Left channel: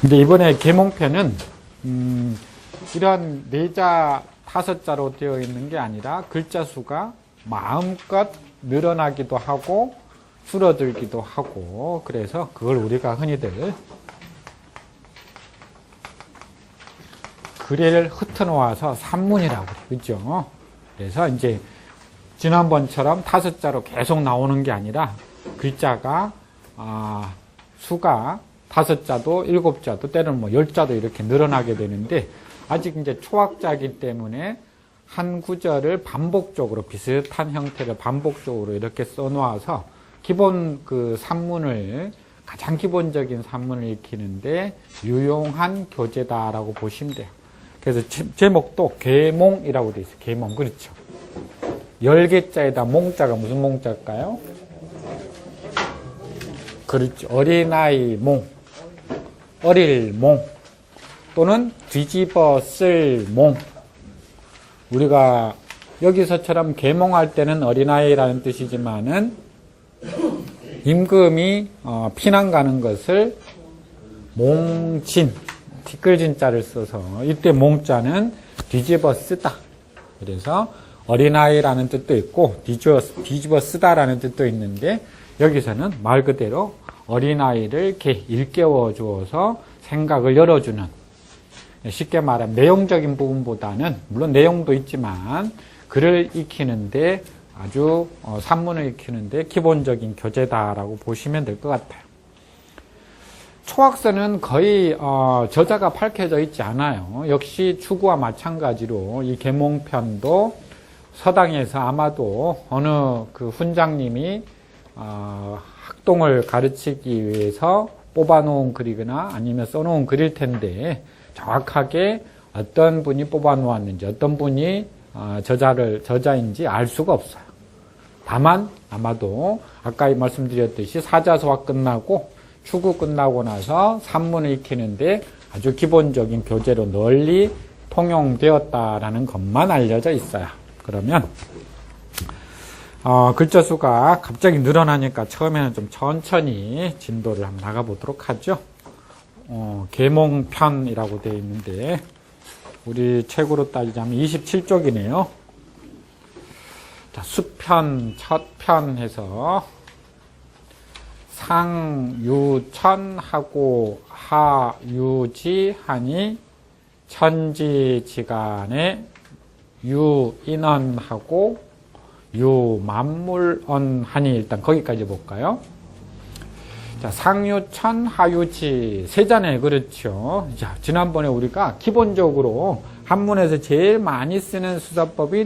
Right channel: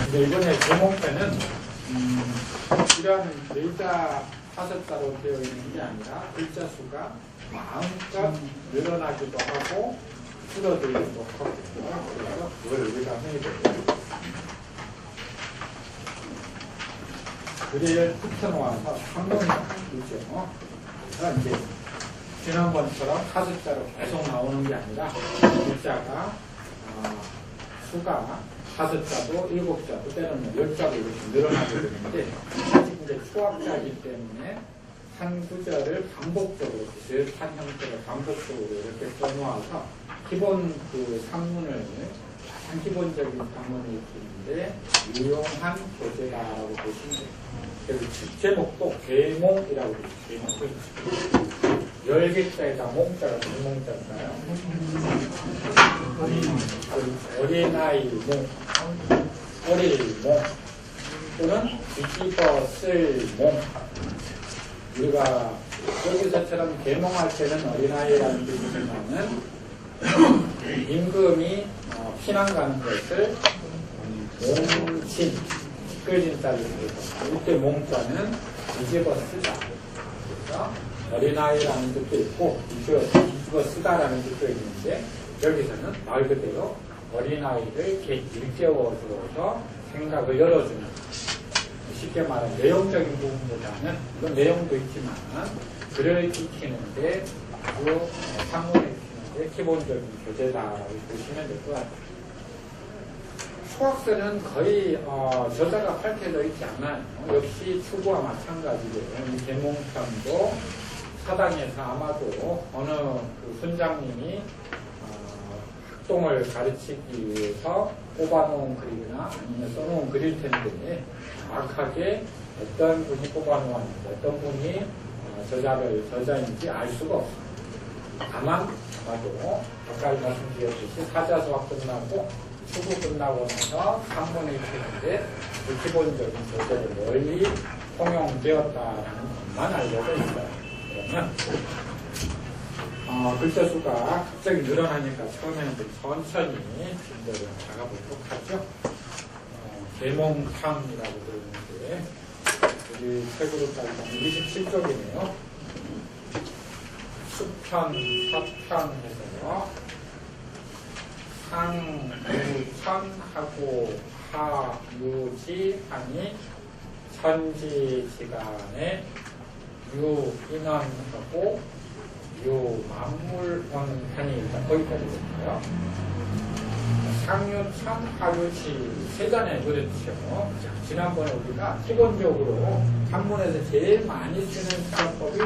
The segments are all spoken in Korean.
근데 이번에 계몽편은 이런 4자, 5자로 되어 있는 게 아니라 글자 수가 마음껏 늘어나기도 하고 줄어들기도 하고, 그래서 그걸 우리가 흔히들 글을 흩어놓아서 산문이라고 그죠? 그래서 이제 지난번처럼 5자로 계속 나오는 게 아니라 글자가 수가 5자도 7자도 때로는 뭐 10자도 이렇게 늘어나게 되는데, 아직 이제 초학자이기 때문에 한 구절을 반복적으로 비슷한 형태를 반복적으로 이렇게 써놓아서 기본 그 산문을, 가장 기본적인 산문을 익히는데 유용한 교재다라고 보시면 돼요. 그래서 제목도 계몽이라고 되어 있어요. 계몽, 그렇죠. 10개자에다 몽자가 무슨 몽자일까요? 그렇죠. 어린아이 몽, 어릴 몽, 또는 뒤집어 쓸 몽. 우리가 여기서처럼 계몽할 때는 어린아이라는 뜻이지만은 임금이 피난 가는 것을 몽진, 티끌진자를 써서 이때 몽자는 뒤집어 쓰다. 그래서 어린아이라는 뜻도 있고 뒤집어 쓰다라는 뜻도 있는데, 여기서는 말 그대로 어린아이를 이렇게 일깨워 주어서 생각을 열어주는, 쉽게 말하면 내용적인 부분보다는 물론 내용도 있지만 글을 익히는데 아주 산문을 익히는데 기본적인 교재다라고 보시면 될 것 같아요. 초학서는 거의 저자가 밝혀져 있지 않아요. 역시 추구와 마찬가지로 이 계몽편도 서당에서 아마도 어느 그 훈장님이 학동을 가르치기 위해서 뽑아놓은 글이거나 아니면 써놓은 글일 텐데, 정확하게 어떤 분이 뽑아놓았는지 어떤 분이 저자인지 알 수가 없어요. 다만 아마도 아까 말씀드렸듯이 사자소화 끝나고 추구 끝나고 나서 산문을 익히는데 아주 기본적인 교재로 널리 통용되었다라는 것만 알려져 있어요. 그러면 글자 수가 갑자기 늘어나니까 처음에는 좀 천천히 진도를 한번 나가보도록 하죠. 계몽편이라고 되어 있는데 우리 책으로 따지자면 27쪽이네요. 수편, 첫 편 해서 상유천하고 하유지하니 천지지간에 유인언하고 유만물언하니, 일단 거기까지 볼까요? 자, 상유천, 하유지 세자네, 그렇죠. 자, 지난번에 우리가 기본적으로 한문에서 제일 많이 쓰는 수사법이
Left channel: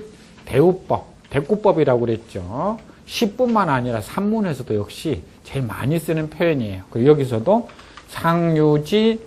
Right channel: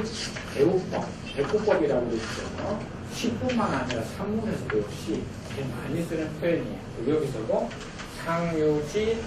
대우법, 대꾸법이라고 그랬죠. 시뿐만 아니라 산문에서도 역시 제일 많이 쓰는 표현이에요. 그리고 여기서도 상유지,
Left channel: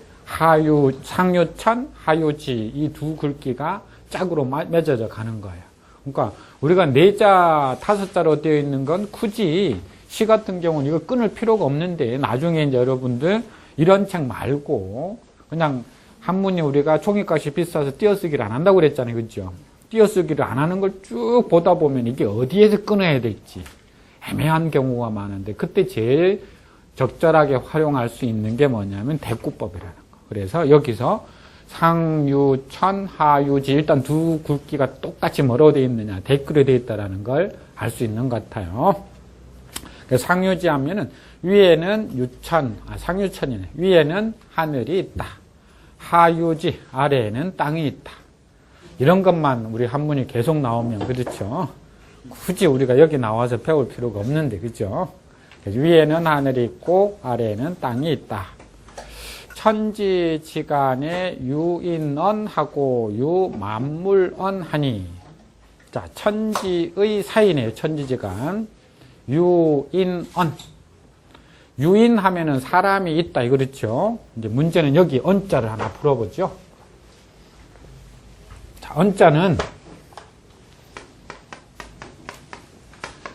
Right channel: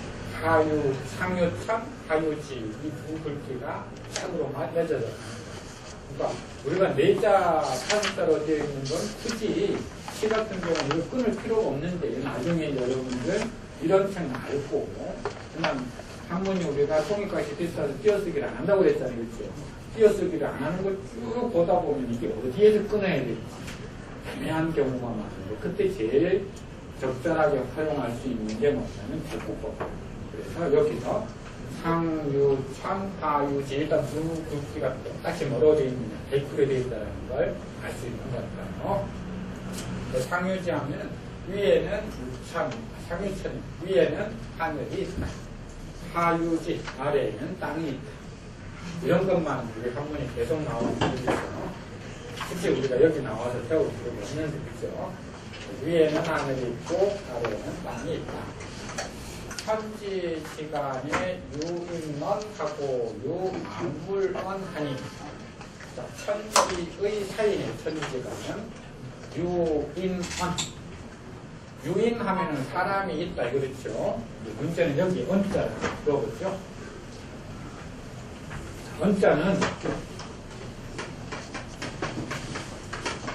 상유천, 하유지 이 두 글귀가 짝으로 맺어져 가는 거예요. 그러니까 우리가 4자, 5자로 되어 있는 건 굳이 시 같은 경우는 이거 끊을 필요가 없는데, 나중에 이제 여러분들 이런 책 말고 그냥 한문이 우리가 총익값이 비싸서 띄어쓰기를 안 한다고 그랬잖아요. 그렇죠? 띄어쓰기를 안 하는 걸 쭉 보다 보면 이게 어디에서 끊어야 될지 애매한 경우가 많은데, 그때 제일 적절하게 활용할 수 있는 게 뭐냐면 대꾸법이에요. 그래서 여기서 상유천, 하유지, 일단 두 글귀가 똑같이 뭐로 되어 있느냐, 대꾸로 되어 있다는 걸 알 수 있는 것 같아요. 상유지 하면은 위에는 유천, 상유천이네. 위에는 하늘이 있다. 하유지, 아래에는 땅이 있다. 이런 것만 우리 한문이 계속 나오면 그렇죠. 굳이 우리가 여기 나와서 배울 필요가 없는데, 그죠? 위에는 하늘이 있고 아래에는 땅이 있다. 천지지간에 유인언하고 유만물언하니. 자, 천지의 사이네요. 천지지간. 유인언. 유인하면은 사람이 있다, 그렇죠? 이제 문제는 여기 언자를 하나 풀어보죠. 자, 언자는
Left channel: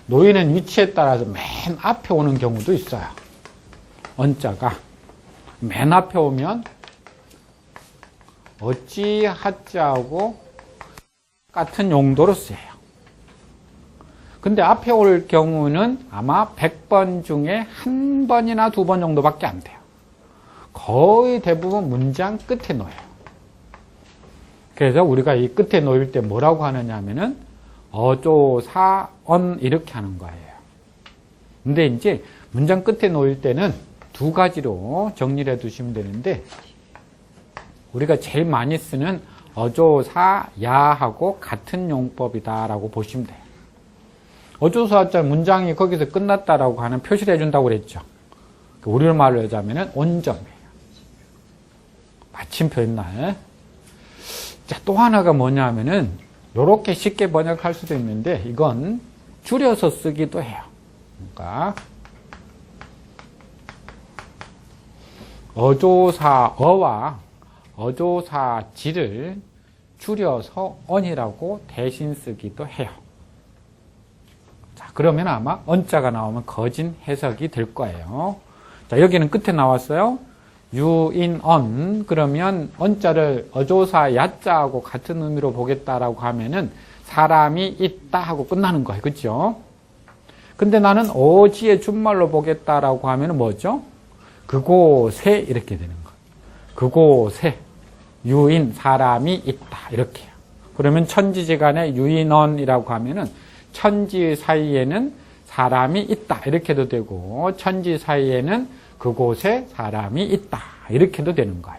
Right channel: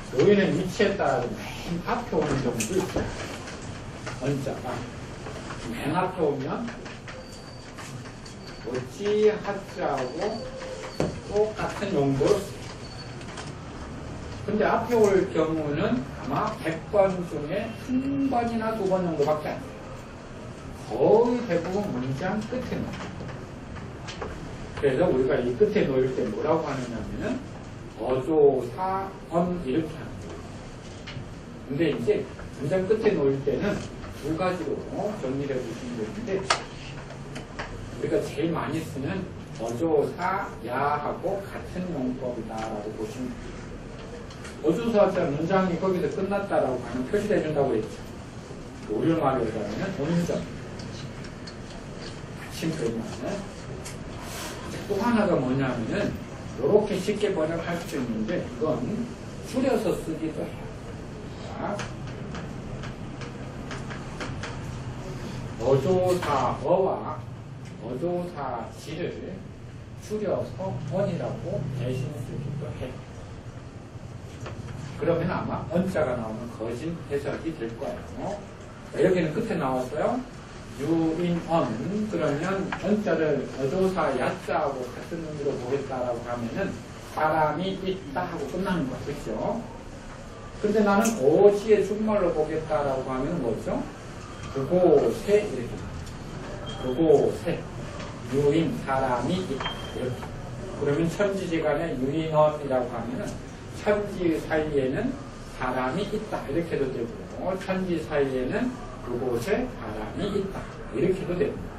놓이는 위치에 따라서 맨 앞에 오는 경우도 있어요. 언자가 맨 앞에 오면 어찌하자하고 똑같은 용도로 쓰여요. 근데 앞에 올 경우는 아마 100번 중에 한 번이나 2번 정도밖에 안 돼요. 거의 대부분 문장 끝에 놓여요. 그래서 우리가 이 끝에 놓일 때 뭐라고 하느냐 하면은 어조사언 이렇게 하는 거예요. 근데 이제 문장 끝에 놓일 때는 두 가지로 정리를 해 두시면 되는데, 우리가 제일 많이 쓰는 어조사야하고 같은 용법이다라고 보시면 돼요. 어조사자 문장이 거기서 끝났다라고 하는 표시를 해준다고 그랬죠. 우리말로 하자면은 온전, 마침표일날. 자, 또 하나가 뭐냐면은 이렇게 쉽게 번역할 수도 있는데, 이건 줄여서 쓰기도 해요. 그러니까 어조사어와 어조사지를 줄여서 언이라고 대신 쓰기도 해요. 자, 그러면 아마 언자가 나오면 거진 해석이 될 거예요. 자, 여기는 끝에 나왔어요. 유인언. 그러면 언자를 어조사 야자하고 같은 의미로 보겠다라고 하면은 사람이 있다 하고 끝나는 거예요. 그렇죠? 근데 나는 어지의 준말로 보겠다라고 하면은 뭐죠? 그곳에 이렇게 되는 거예요. 그곳에 유인, 사람이 있다. 이렇게. 그러면 천지지간에 유인언이라고 하면은 천지 사이에는 사람이 있다. 이렇게도 되고, 천지 사이에는 그곳에 사람이 있다. 이렇게도 되는 거예요.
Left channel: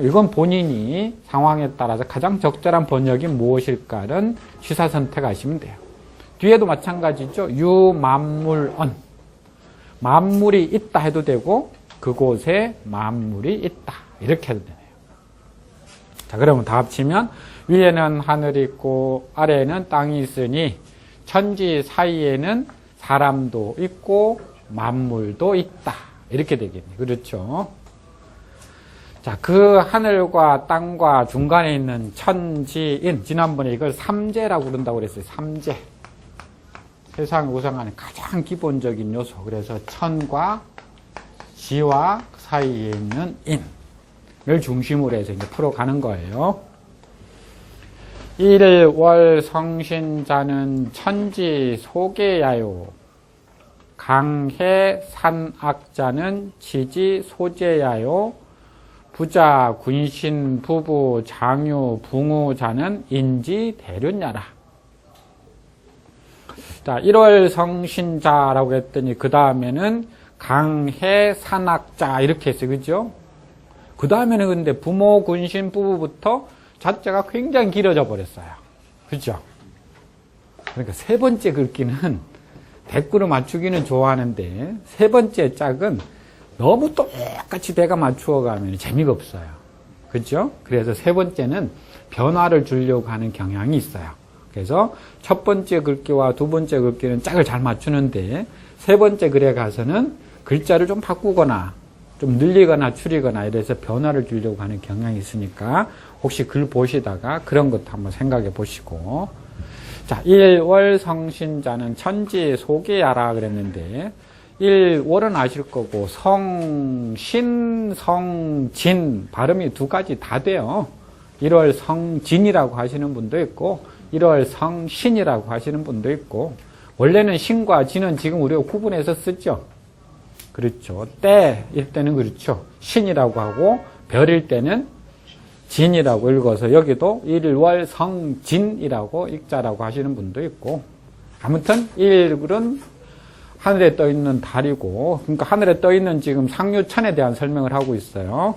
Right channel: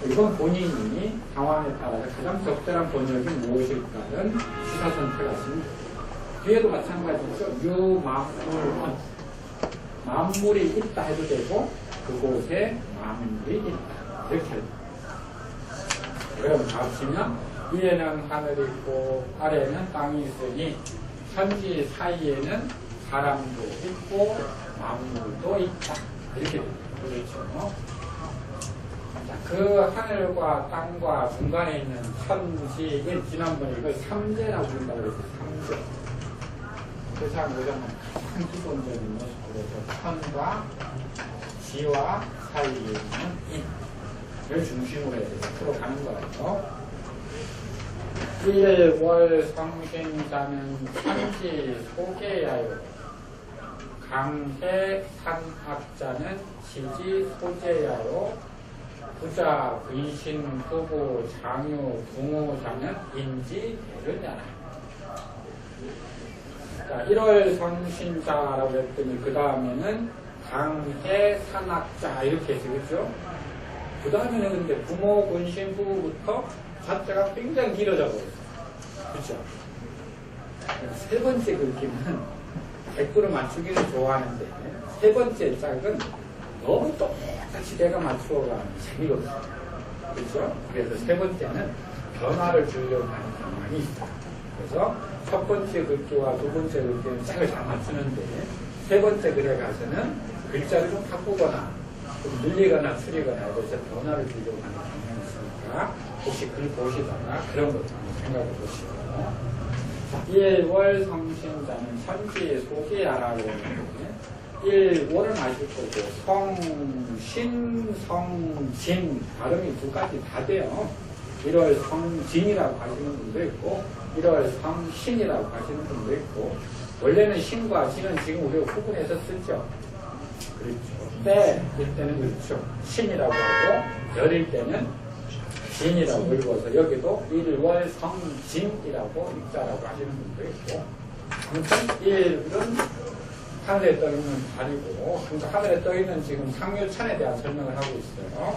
이건 본인이 상황에 따라서 가장 적절한 번역이 무엇일까는 시사 선택하시면 돼요. 뒤에도 마찬가지죠. 유만물언. 만물이 있다 해도 되고, 그곳에 만물이 있다. 이렇게 해도 돼요. 자, 그러면 다 합치면 위에는 하늘이 있고 아래에는 땅이 있으니 천지 사이에는 사람도 있고 만물도 있다. 이렇게 되겠죠. 그렇죠. 자, 그 하늘과 땅과 중간에 있는 천지인, 지난번에 이걸 삼재라고 부른다고 그랬어요. 삼재. 세상 우상하는 가장 기본적인 요소. 그래서 천과 지와 사이에 있는 인을 중심으로 해서 이제 풀어가는 거예요. 일월 성신자는 천지 소계야요. 강해 산악자는 지지 소재야요. 부자 군신 부부 장유 붕우자는 인지 대륜야라. 자, 1월 성신자라고 했더니 그 다음에는 강해 산악자 이렇게 했어요. 그죠? 그 다음에는 근데 부모 군신 부부부터 자체가 굉장히 길어져 버렸어요. 그죠? 그러니까 세 번째 긁기는 대꾸로 맞추기는 좋아하는데 세 번째 짝은 너무 똑같이 내가 맞추어 가면 재미가 없어요. 그렇죠? 그래서 세 번째는 변화를 주려고 하는 경향이 있어요. 그래서 첫 번째 글귀와 두 번째 글귀는 짝을 잘 맞추는데 세 번째 글에 가서는 글자를 좀 바꾸거나 좀 늘리거나 줄이거나 이래서 변화를 주려고 하는 경향이 있으니까 혹시 글 보시다가 그런 것도 한번 생각해 보시고. 자, 1월 성신자는 천지 소개하라 그랬는데 1월은 아실 거고 성신, 성진 발음이 두 가지 다 돼요. 1월 성진이라고 하시는 분도 있고 1월 성신이라고 하시는 분도 있고, 원래는 신과 진은 지금 우리가 구분해서 쓰죠. 그렇죠. 때일 때는 그렇죠. 신이라고 하고 별일 때는 진이라고 읽어서 여기도 1월 성진이라고 읽자라고 하시는 분도 있고, 아무튼 1월은 하늘에 떠 있는 달이고, 그러니까 하늘에 떠 있는 지금 상유천에 대한 설명을 하고 있어요.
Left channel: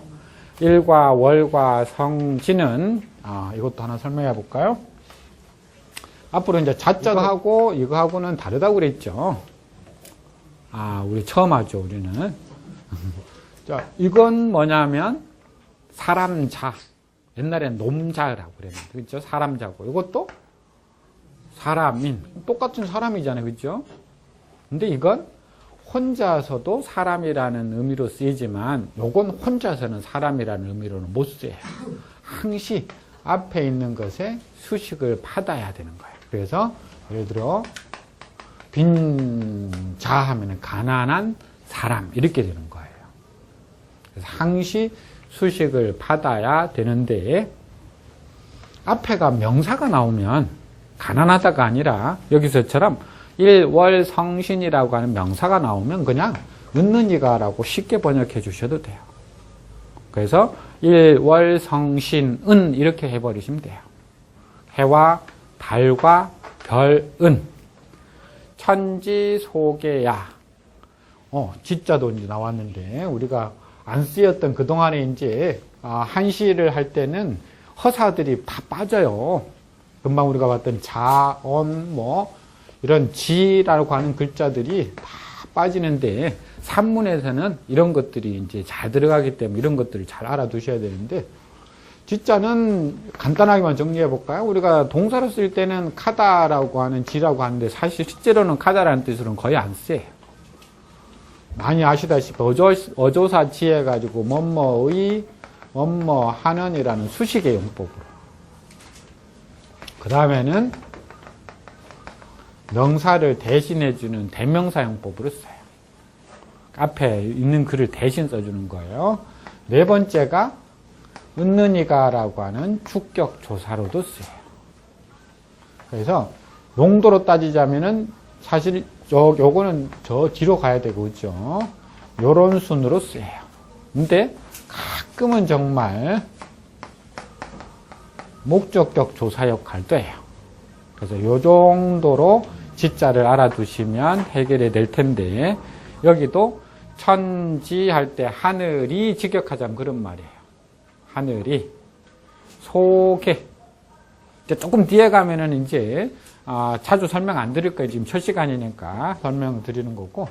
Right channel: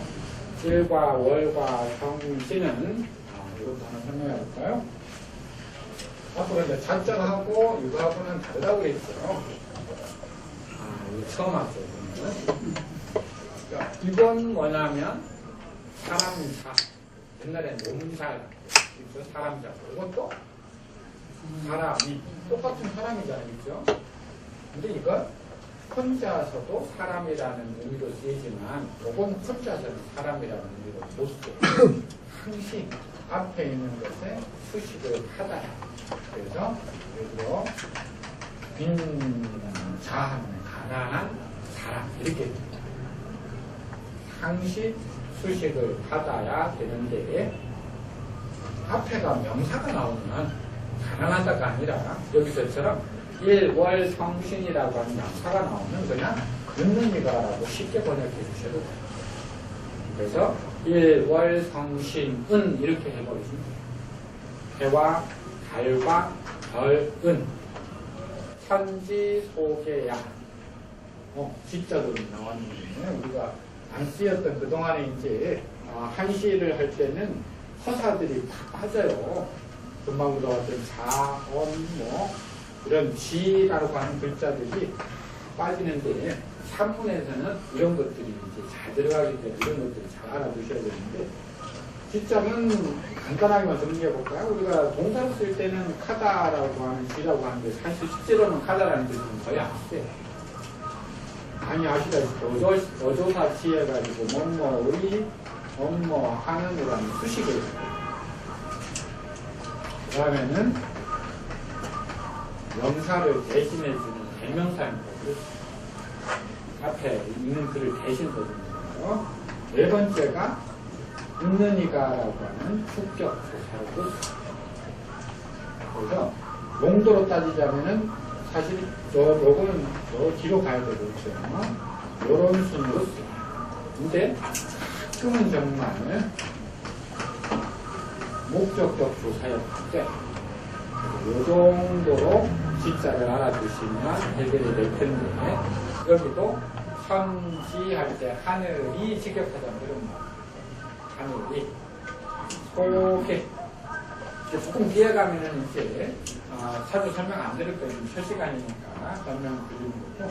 일과 월과 성진은 이것도 하나 설명해 볼까요? 앞으로 이제 자자하고 이거하고는 다르다고 그랬죠. 우리 처음 하죠, 우리는. 자, 이건 뭐냐면 사람자. 옛날엔 놈자라고 그래요. 그렇죠? 사람자고. 이것도 사람인. 똑같은 사람이잖아요. 그렇죠? 근데 이건 혼자서도 사람이라는 의미로 쓰이지만 이건 혼자서는 사람이라는 의미로는 못 써요. 항시 앞에 있는 것에 수식을 받아야 되는 거예요. 그래서 예를 들어 빈자 하면 가난한 사람 이렇게 되는 거예요. 항시 수식을 받아야 되는데 앞에가 명사가 나오면 가난하다가 아니라 여기서처럼 일월 성신이라고 하는 명사가 나오면 그냥 늦는 이가라고 쉽게 번역해 주셔도 돼요. 그래서 일월성신은 이렇게 해버리시면 돼요. 해와 달과 별은 천지소개야. 지자도 이제 나왔는데 우리가 안 쓰였던 그동안에 이제 한시를 할 때는 허사들이 다 빠져요. 금방 우리가 봤던 자언 뭐 이런 지라고 하는 글자들이 다 빠지는데 산문에서는 이런 것들이 이제 잘 들어가기 때문에 이런 것들을 잘 알아두셔야 되는데 지자는 간단하게만 정리해 볼까요? 우리가 동사로 쓸 때는 카다라고 하는 지라고 하는데 사실 실제로는 카다라는 뜻으로는 거의 안 써요. 많이 아시다시피 어조사 지해 가지고 뭐뭐의 뭐뭐 하는이라는 수식의 용법. 그 다음에는 명사를 대신해주는 대명사 용법으로 써요. 앞에 있는 글을 대신 써주는 거예요. 네 번째가 웃느니가라고 하는 축격 조사로도 써요. 그래서 용도로 따지자면은 사실 요거는 저 뒤로 가야 되고 있죠. 요런 순으로 써요. 근데 가끔은 정말 목적격 조사 역할도 해요. 그래서 요 정도로 지자를 알아두시면 해결이 될 텐데 여기도 천지 할 때 하늘이 직역하자면 그런 말이에요. 하늘이 속에 이제 조금 뒤에 가면은 이제 자주 설명 안 드릴 거예요. 지금 첫 시간이니까 설명 드리는 거고.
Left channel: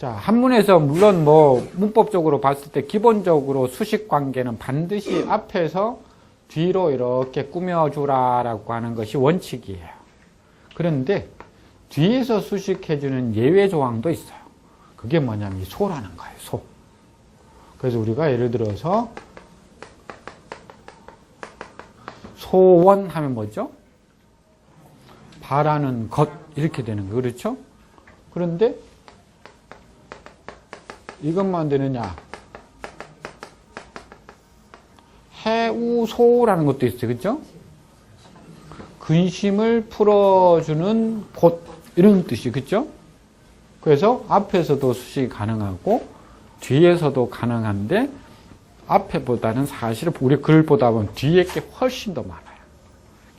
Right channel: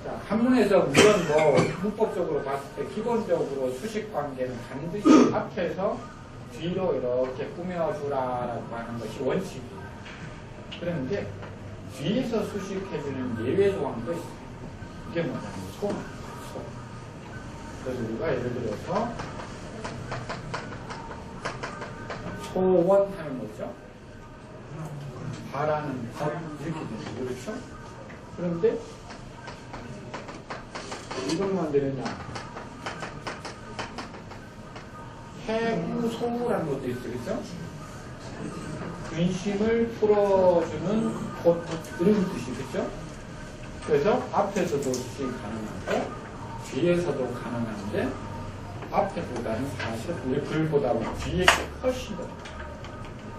자, 한문에서 물론 뭐 문법적으로 봤을 때 기본적으로 수식 관계는 반드시 앞에서 뒤로 이렇게 꾸며주라라고 하는 것이 원칙이에요. 그런데 뒤에서 수식해주는 예외 조항도 있어요. 그게 뭐냐면 소라는 거예요. 소. 그래서 우리가 예를 들어서 소원 하면 뭐죠? 바라는 것 이렇게 되는 거예요. 그렇죠? 그런데 이것만 되느냐? 해우소라는 것도 있어요. 그렇죠? 근심을 풀어주는 곳 이런 뜻이 그렇죠? 그래서 앞에서도 수식이 가능하고 뒤에서도 가능한데 앞에보다는 사실 우리 글 보다 보면 뒤에 게 훨씬 더 많아요.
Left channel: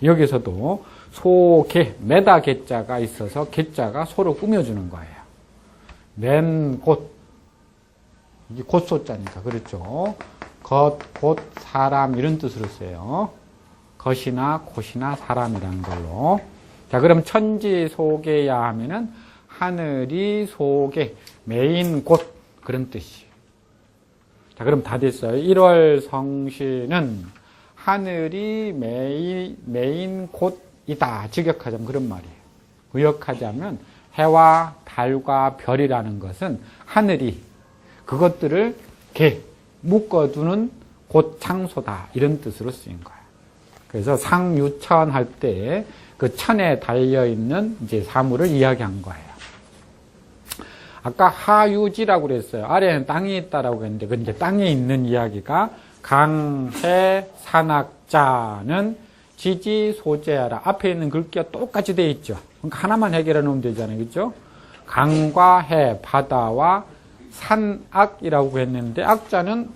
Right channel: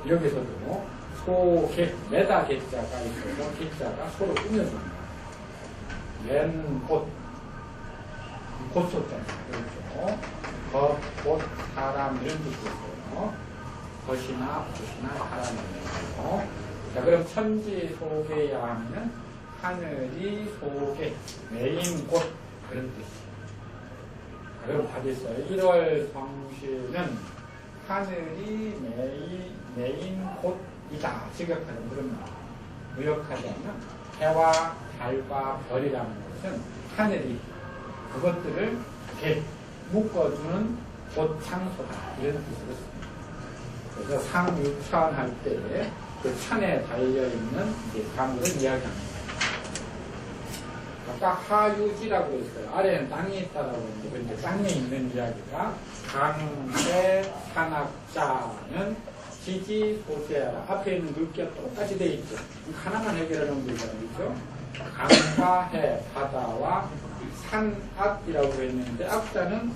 여기서도 소개, 매다 개자가 있어서 개자가 소로 꾸며주는 거예요. 맨 곳, 곳소자입니다. 그렇죠? 것, 곳, 사람 이런 뜻으로 써요. 것이나 곳이나 사람이라는 걸로. 자, 그럼 천지 소개야 하면은 하늘이 소개, 메인 곳 그런 뜻이. 자, 그럼 다 됐어요. 1월 성신은 하늘이 메인 곳이다. 직역하자면 그런 말이에요. 의역하자면 해와 달과 별이라는 것은 하늘이 그것들을 이렇게 묶어두는 곳 장소다. 이런 뜻으로 쓰인 거예요. 그래서 상유천 할 때 그 천에 달려있는 이제 사물을 이야기한 거예요. 아까 하유지라고 그랬어요. 아래에는 땅이 있다라고 했는데, 근데 땅에 있는 이야기가 강해 산악자는 지지 소재하라. 앞에 있는 글귀가 똑같이 되어 있죠. 그러니까 하나만 해결해 놓으면 되잖아요. 그렇죠? 강과 해, 바다와 산악이라고 했는데, 악자는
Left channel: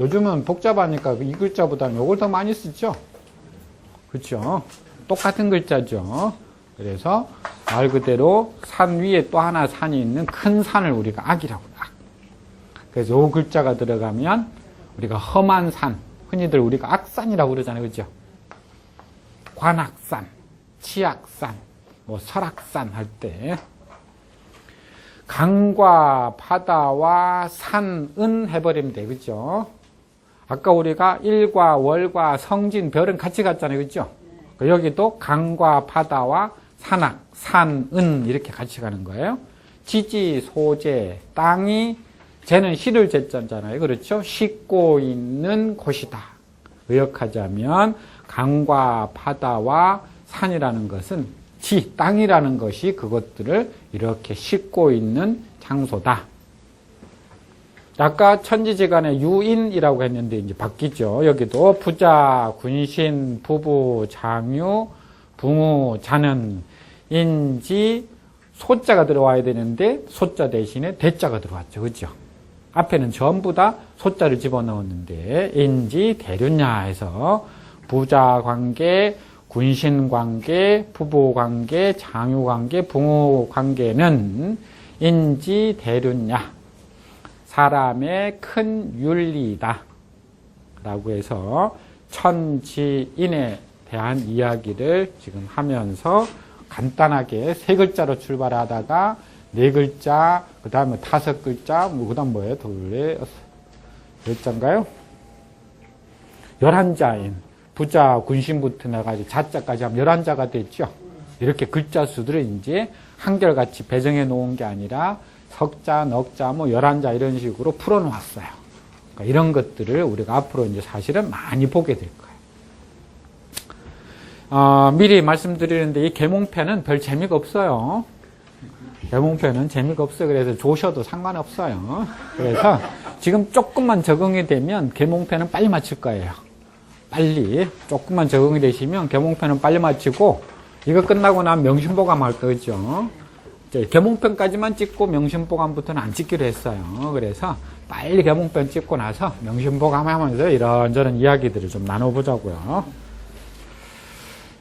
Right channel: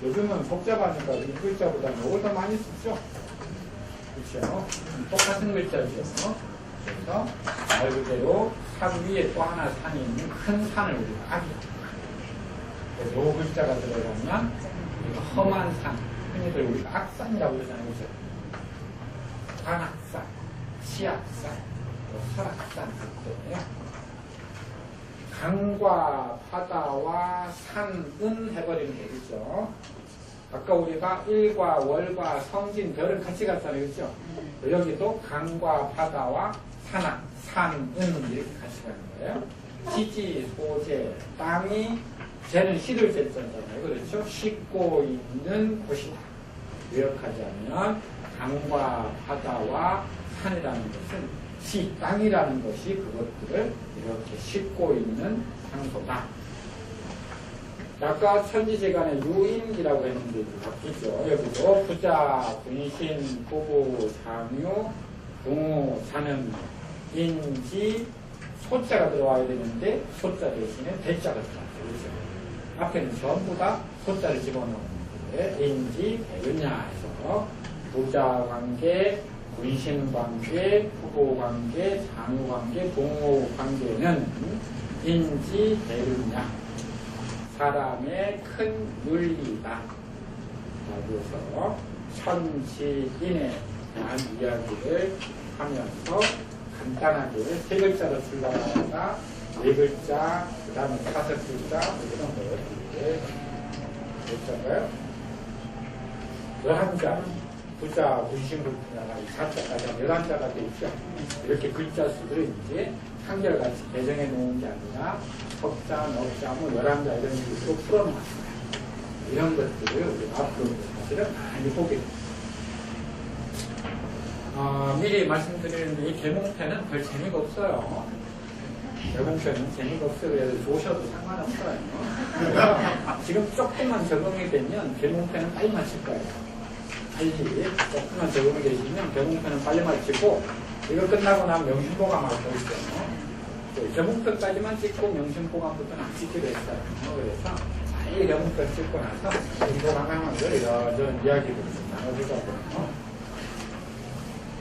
요즘은 복잡하니까 이 글자보다는 이걸 더 많이 쓰죠. 그렇죠? 똑같은 글자죠. 그래서 말 그대로 산 위에 또 하나 산이 있는 큰 산을 우리가 악이라고 봐. 그래서 이 글자가 들어가면 우리가 험한 산, 흔히들 우리가 악산이라고 그러잖아요. 그렇죠? 관악산, 치악산, 뭐 설악산 할 때 강과 바다와 산은 해버리면 되겠죠. 아까 우리가 일과 월과 성진, 별은 같이 갔잖아요. 그렇죠? 여기도 강과 바다와 산악, 산은 이렇게 같이 가는 거예요. 지지, 소재, 땅이 쟤는 시를 쟀잖아요. 그렇죠? 싣고 있는 곳이다. 의역하자면 강과 바다와 산이라는 것은 지, 땅이라는 것이 그것들을 이렇게 싣고 있는 장소다. 아까 천지지간에 유인이라고 했는데 이제 바뀌죠. 여기도 부자, 군신, 부부, 장유, 붕우, 자는, 인지, 소자가 들어와야 되는데 소자 대신에 대자가 들어왔죠. 그죠? 앞에는 전부 다 소자를 집어넣었는데 인지 대륜야 해서 부자관계, 군신관계, 부부관계, 장유관계, 부모관계는 인지 대륜야 사람의 큰 윤리다 라고 해서 천지인에 대한 이야기를 지금 하면서 간단하게 세 글자로 출발하다가 네 글자, 그 다음에 다섯 글자, 그 다음 뭐예요? 몇 자인가요? 11자인 부자, 군신부터 나가지고 자자까지 하면 11자가 됐죠. 이렇게 글자 수들을 이제 한결같이 배정해 놓은 게 아니라 석자, 넉자, 뭐 11자 이런 식으로 풀어 놓았어요. 이런 것들을 우리가 앞으로 이제 사실은 많이 보게 됩니다. 미리 말씀드리는데 이 계몽편은 별 재미가 없어요. 계몽편은 재미가 없어요. 그래서 조셔도 상관없어요. 그래서 지금 조금만 적응이 되면 계몽편은 빨리 마칠 거예요. 빨리 조금만 적응이 되시면 계몽편은 빨리 마치고 이거 끝나고 나면 명심보감 할 거죠. 계몽편까지만 찍고 명심보감부터는 안 찍기로 했어요. 그래서 빨리 계몽편 찍고 나서 명심보감 하면서 이런저런 이야기들을 좀 나눠보자고요.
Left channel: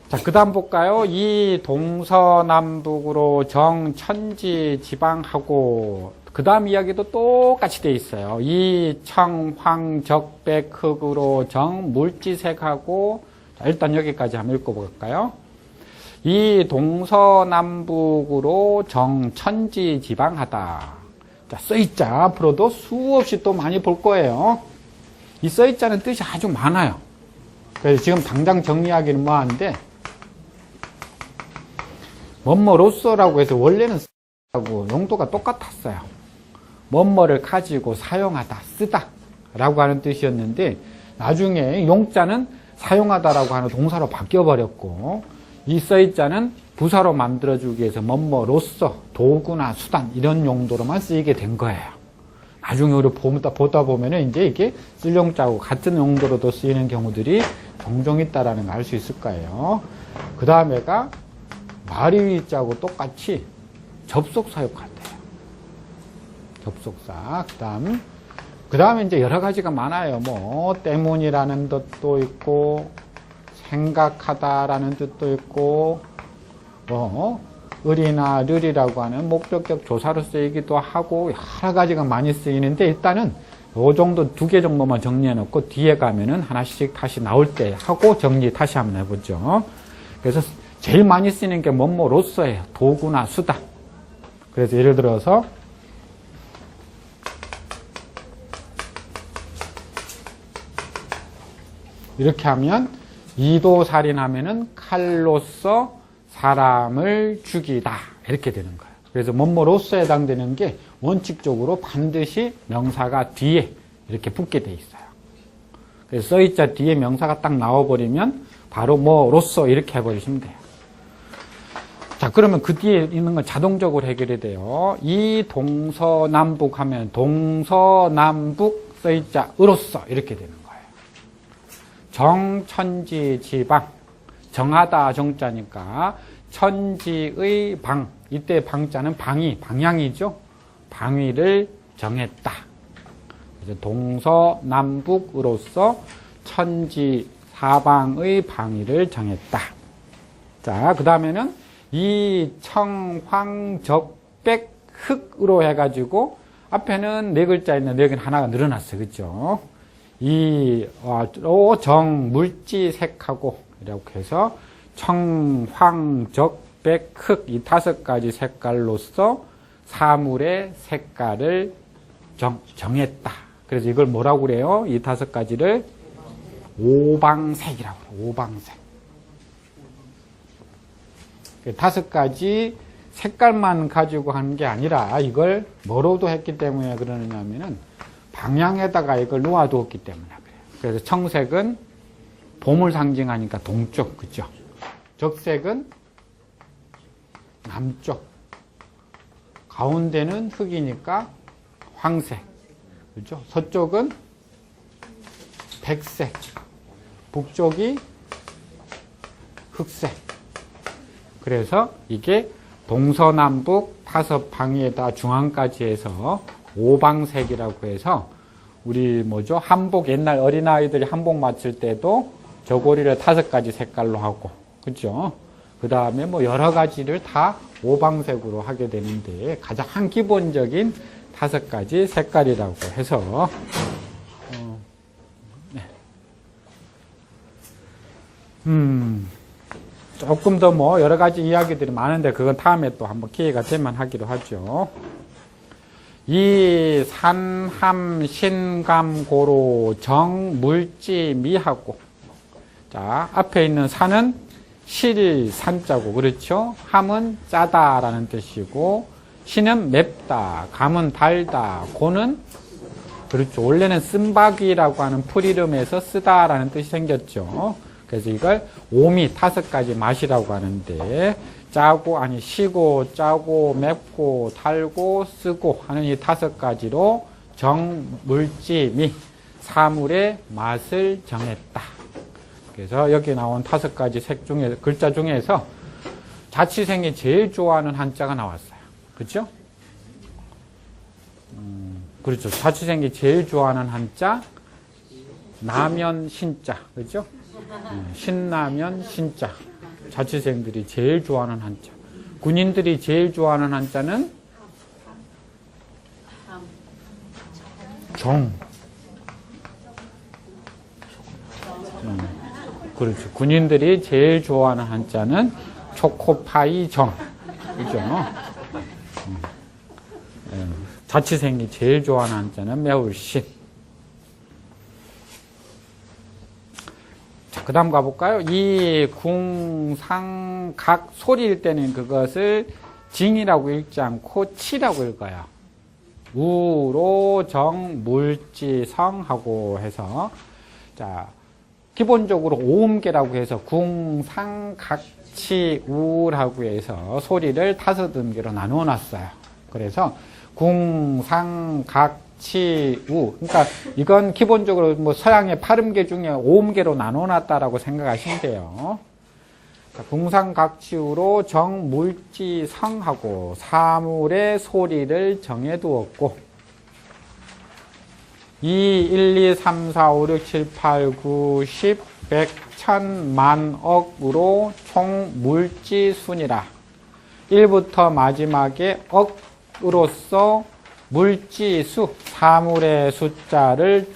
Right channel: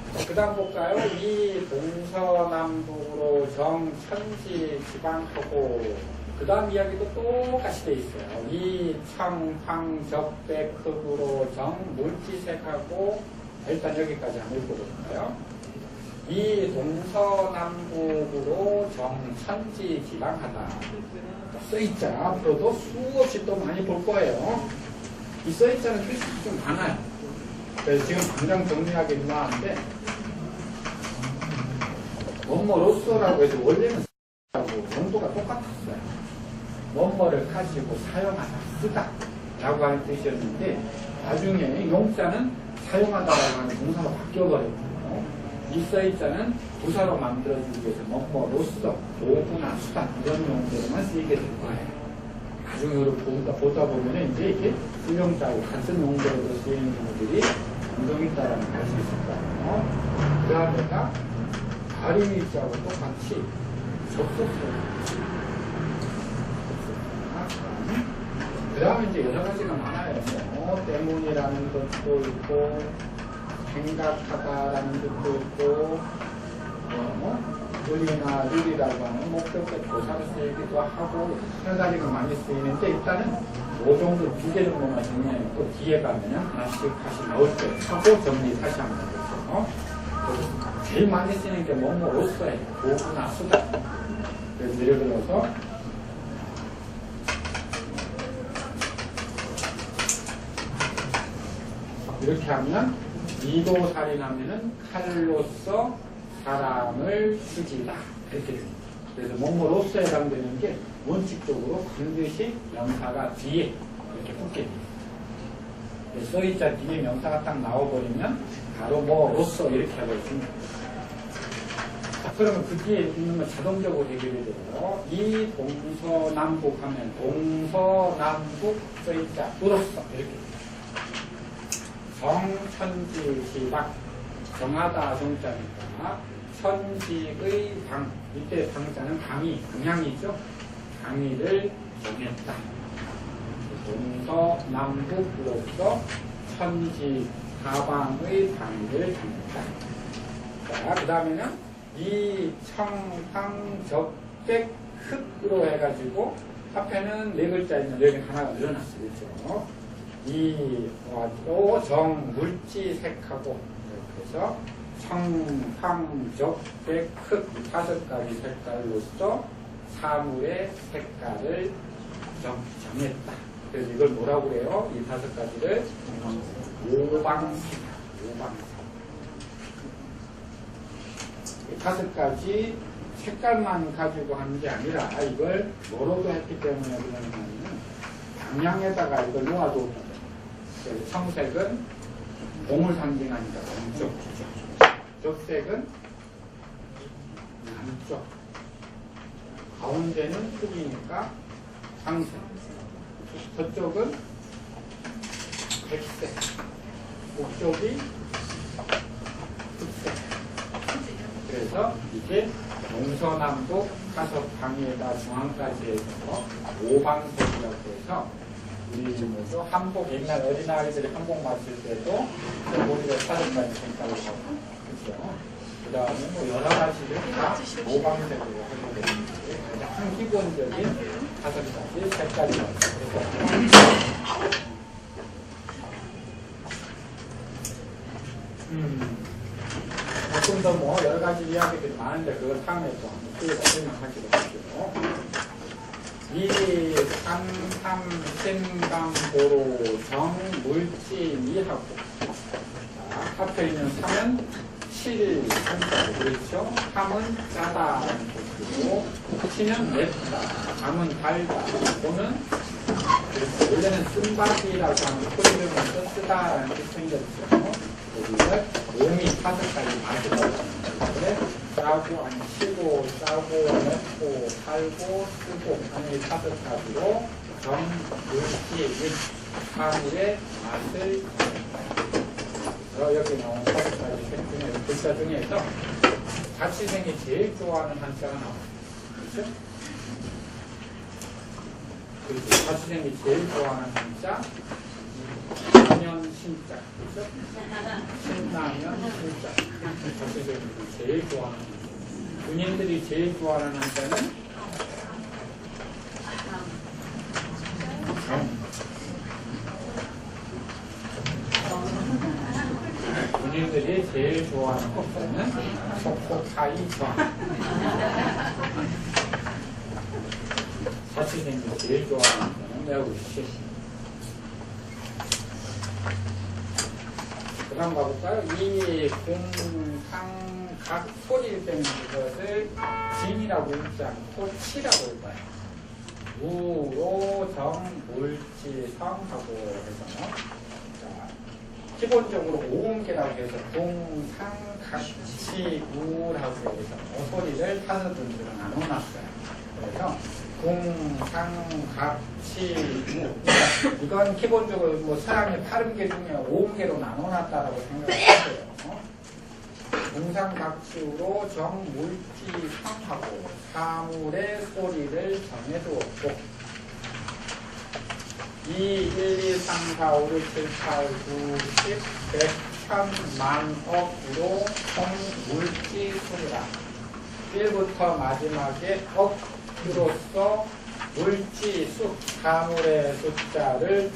자, 그 다음 볼까요? 이 동서남북으로 정천지 지방하고 그 다음 이야기도 똑같이 돼 있어요. 이 청황적백흑으로 정물지색하고 일단 여기까지 한번 읽어볼까요? 이 동서남북으로 정천지 지방하다. 자, 써있자 앞으로도 수없이 또 많이 볼 거예요. 이 써있자는 뜻이 아주 많아요. 그래서 지금 당장 정리하기는 뭐하는데 뭐뭐로서라고 해서 원래는 쓰라고 용도가 똑같았어요. 뭐뭐를 가지고 사용하다, 쓰다 라고 하는 뜻이었는데 나중에 용자는 사용하다라고 하는 동사로 바뀌어버렸고 이 써있자는 부사로 만들어주기 위해서 뭐뭐로서 도구나 수단 이런 용도로만 쓰이게 된 거예요. 나중에 우리 보다 보면은 이제 이게 쓸 용자하고 같은 용도로도 쓰이는 경우들이 종종 있다라는 걸 알 수 있을 거예요. 그 다음에가 말이자하고 똑같이 접속사에 가보죠. 접속사. 그 다음에 이제 여러 가지가 많아요. 뭐, 때문이라는 뜻도 있고, 생각하다라는 뜻도 있고, 뭐, 을이나 르리라고 하는 목적격 조사로 쓰이기도 하고, 여러 가지가 많이 쓰이는데, 일단은 요 정도 2개 정도만 정리해 놓고, 뒤에 가면은 하나씩 다시 나올 때 하고 정리 다시 한번 해보죠. 그래서 제일 많이 쓰이는 게 뭐뭐로서예요. 도구나 수단. 그래서 예를 들어서 이렇게 하면 이도살인하면은 칼로서 사람을 죽이다 이렇게 되는 거예요. 그래서 뭐뭐로서에 해당되는 게 원칙적으로 반드시 명사가 뒤에 이렇게 붙게 돼 있어요. 그래서 써있자 뒤에 명사가 딱 나와버리면 바로 뭐로서 이렇게 해버리시면 돼요. 자, 그러면 그 뒤에 있는 건 자동적으로 해결이 돼요. 이 동서남북 하면 동서남북 써있자 으로써 이렇게 되는 거예요. 정천지 지방 정하다 정자니까 천지의 방 이때 방자는 방향이죠. 방위를 정했다. 동서남북으로서 천지 사방의 방위를 정했다. 자, 그 다음에는 이 청황적백흑으로 해가지고 앞에는 네 글자 있는데 여기는 하나가 늘어났어요. 그죠? 이 정물지색하고 이렇게 해서 청황적백흑 이 5가지 색깔로서 사물의 색깔을 정했다. 그래서 이걸 뭐라고 그래요? 이 5가지를 오방색이라고. 오방색. 5가지 색깔만 가지고 하는 게 아니라 이걸 뭐로도 했기 때문에 그러냐면은 방향에다가 이걸 놓아두었기 때문에. 그래서 청색은 봄을 상징하니까 동쪽, 그죠? 적색은 남쪽. 가운데는 흑이니까 황색. 그죠? 서쪽은 백색. 북쪽이 흑색. 그래서 이게 동서남북 5방에다 중앙까지 해서 오방색이라고 해서 우리 뭐죠? 한복 옛날 어린아이들이 한복 맞출 때도 저고리를 5가지 색깔로 하고 그죠? 그 다음에 뭐 여러 가지를 다 오방색으로 하게 되는데 가장 기본적인 5가지 색깔이라고 해서 조금 더 뭐 여러 가지 이야기들이 많은데 그건 다음에 또 한번 기회가 되면 하기로 하죠. 이 산함 신감고로 정물지 미하고 자 앞에 있는 산은 실 산자고 그렇죠. 함은 짜다라는 뜻이고 신은 맵다 감은 달다 고는 그렇죠. 원래는 쓴바귀라고 하는 풀이름에서 쓰다라는 뜻이 생겼죠. 그래서 이걸 오미 5가지 맛이라고 하는데 짜고 아니 시고 짜고 맵고 달고 쓰고 하는 이 5가지로 정물지미 사물의 맛을 정했다. 그래서 여기 나온 5가지 색 중에 글자 중에서 자취생이 제일 좋아하는 한자가 나왔어요. 그렇죠? 그렇죠. 자취생이 제일 좋아하는 한자 라면 신자 그렇죠? 신라면 신자 자취생들이 제일 좋아하는 한자 군인들이 제일 좋아하는 한자는 정 그렇죠. 군인들이 제일 좋아하는 한자는 초코파이 정 그렇죠? 자취생이 제일 좋아하는 한자는 매울신 그 다음 가볼까요? 이 궁상각 소리일 때는 그것을 징이라고 읽지 않고 치라고 읽어요. 우로 정 물지 성하고 해서 자 기본적으로 오음계라고 해서 궁상각치 우라고 해서 소리를 5음계로 나누어 놨어요. 그래서 궁상각치 우 그러니까 이건 기본적으로 뭐 서양의 8음계 중에 5음계로 나눠놨다라고 생각하시면 돼요. 궁상각치우로 정물지성하고 사물의 소리를 정해두었고 2, 1, 2, 3, 4, 5, 6, 7, 8, 9, 10, 100, 1000, 만억으로 총 물지순이라 1부터 마지막에 억으로서 물지수 사물의 숫자를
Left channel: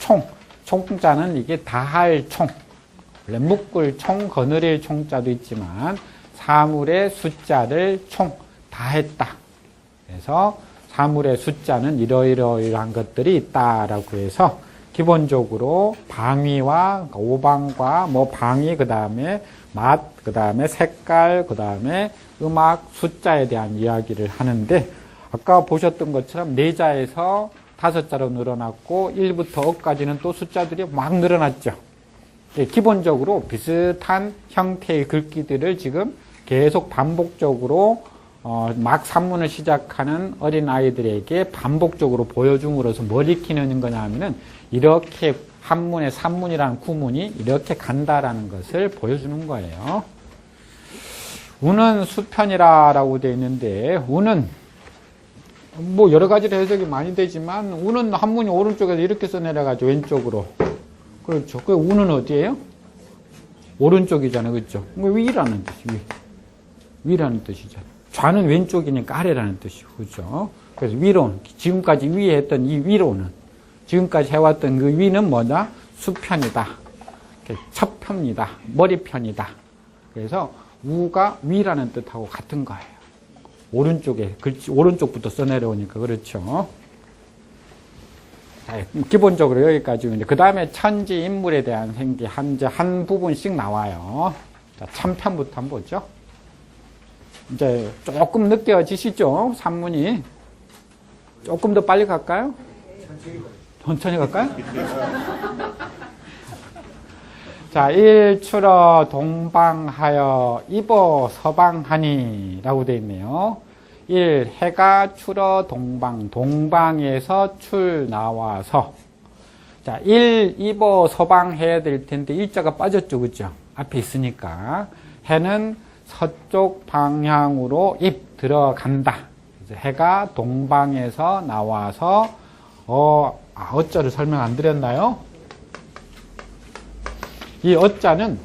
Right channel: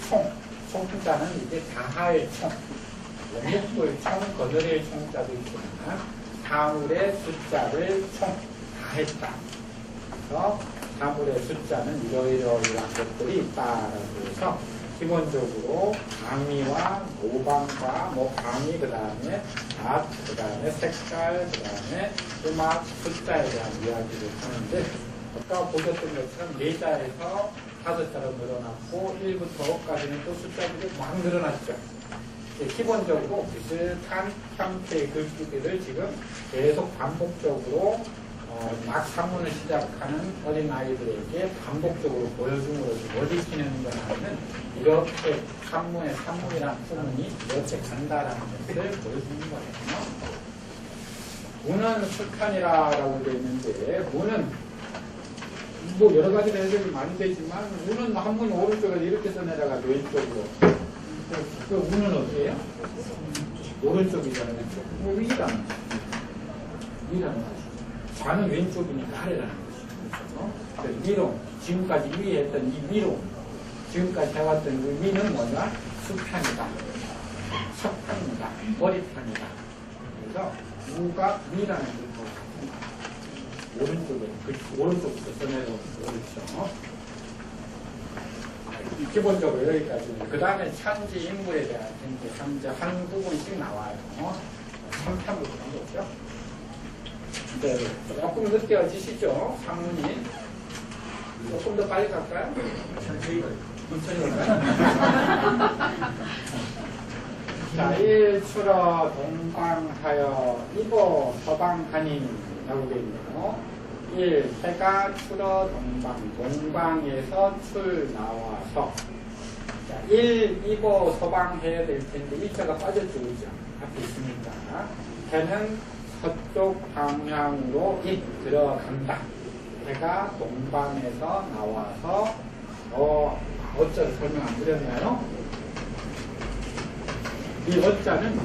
총자는 이게 다할 총 묶을 총 거느릴 총자도 있지만 사물의 숫자를 총 다했다. 그래서 사물의 숫자는 이러이러이러한 것들이 있다라고 해서 기본적으로 방위와 오방과 뭐 방위 그 다음에 맛 그 다음에 색깔 그 다음에 음악 숫자에 대한 이야기를 하는데 아까 보셨던 것처럼 4자에서 5자로 늘어났고 1부터 억까지는 또 숫자들이 막 늘어났죠. 기본적으로 비슷한 형태의 글귀들을 지금 계속 반복적으로 막 산문을 시작하는 어린아이들에게 반복적으로 보여줌으로써 뭘 익히는 거냐면은 이렇게 한문의 산문이라는 구문이 이렇게 간다라는 것을 보여주는 거예요. 우는 수편이라고 되어 있는데 우는 뭐 여러 가지로 해석이 많이 되지만 우는 한문이 오른쪽에서 이렇게 써내려가지고 왼쪽으로 그렇죠. 그 우는 어디예요? 오른쪽이잖아요. 그렇죠? 위라는 뜻. 위라는 뜻이죠. 좌는 왼쪽이니까 아래라는 뜻이고 그렇죠. 그래서 위로 지금까지 위에 했던 이 위로는 지금까지 해왔던 그 위는 뭐냐? 수편이다. 첫편이다. 머리편이다. 그래서 우가 위라는 뜻하고 같은 거예요. 오른쪽에 오른쪽부터 써내려오니까 그렇죠. 기본적으로 여기까지인데 그 다음에 천지 인물에 대한 생기 한 부분씩 나와요. 자, 3편부터 한번 보죠. 이제 조금 느껴지시죠? 산문이 조금 더 빨리 갈까요? 천천히 갈까요? 자, 일출어 동방하여 입어 서방하니 라고 되어 있네요. 1. 해가 출어 동방에서 출 나와서 자, 1. 입어 서방 해야 될 텐데 일자가 빠졌죠. 그죠? 앞에 있으니까 해는 서쪽 방향으로 입 들어간다. 해가 동방에서 나와서 어자를 설명 안 드렸나요? 이 어자는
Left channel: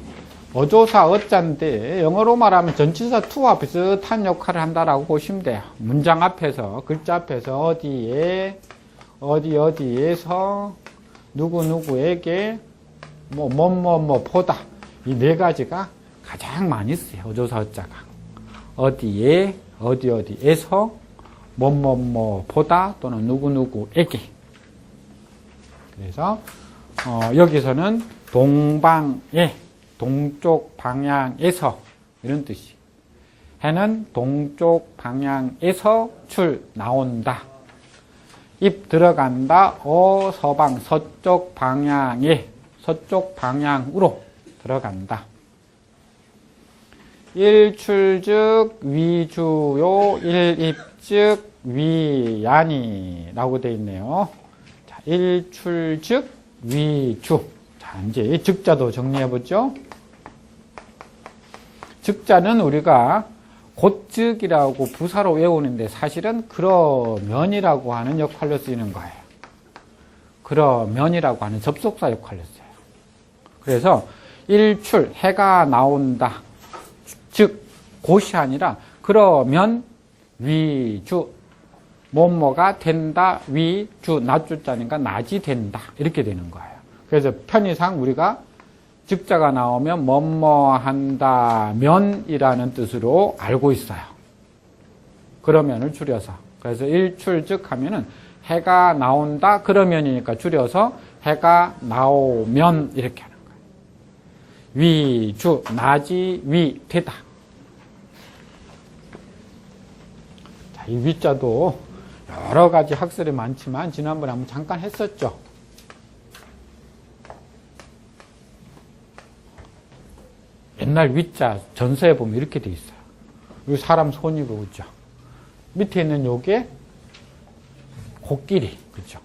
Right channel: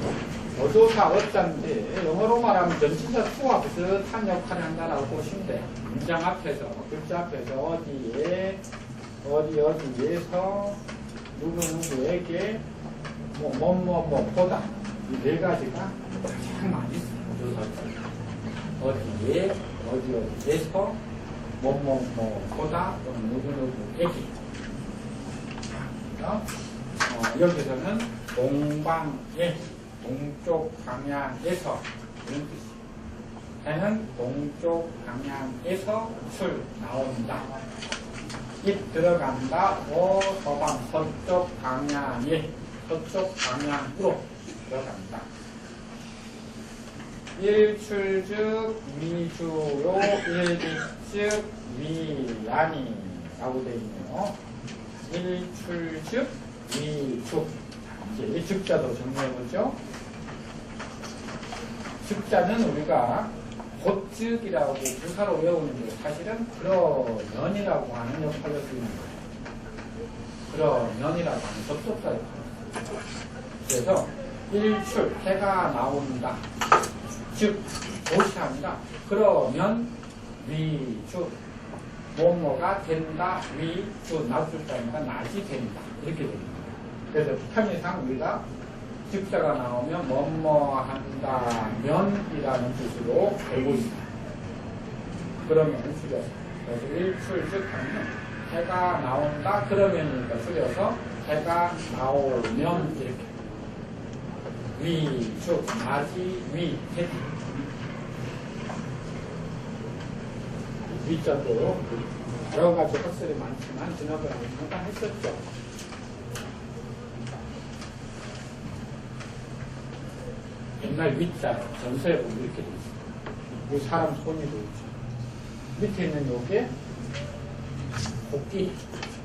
어조사 어자인데 영어로 말하면 전치사 to와 비슷한 역할을 한다라고 보시면 돼요. 문장 앞에서 글자 앞에서 어디에서 누구누구에게 뭐 보다 이 네 가지가 가장 많이 써요. 어조사 어자가 어디에서 뭐 보다 또는 누구누구에게. 그래서 여기서는 동방에 동쪽 방향에서 이런 뜻이. 해는 동쪽 방향에서 나온다. 입 들어간다. 서방 서쪽 방향으로 들어간다. 일출즉 위주요 일입즉 위야니라고 되어 있네요. 자, 일출즉 위주. 자, 이제 즉자도 정리해보죠. 즉자는 우리가 곧즉이라고 부사로 외우는데 사실은 그러면이라고 하는 역할로 쓰이는 거예요. 그러면이라고 하는 접속사 역할로 써요. 그래서 일출, 해가 나온다. 즉, 곧이 아니라 그러면 위주, 뭐뭐가 된다. 위주, 낮주자니까 낮이 된다. 이렇게 되는 거예요. 그래서 편의상 우리가 즉자가 나오면 뭐뭐 한다면이라는 뜻으로 알고 있어요. 그러면을 줄여서. 그래서 일출즉 하면은 해가 나온다 그러면이니까 줄여서 해가 나오면 이렇게. 위주, 낮이 위되다. 이 위자도 여러 가지 학설이 많지만 지난번에 한번 잠깐 했었죠. 옛날 위자 전서에 보면 이렇게 돼 있어요. 이 사람 손이 보이죠. 밑에 있는 요게 코끼리, 그렇죠.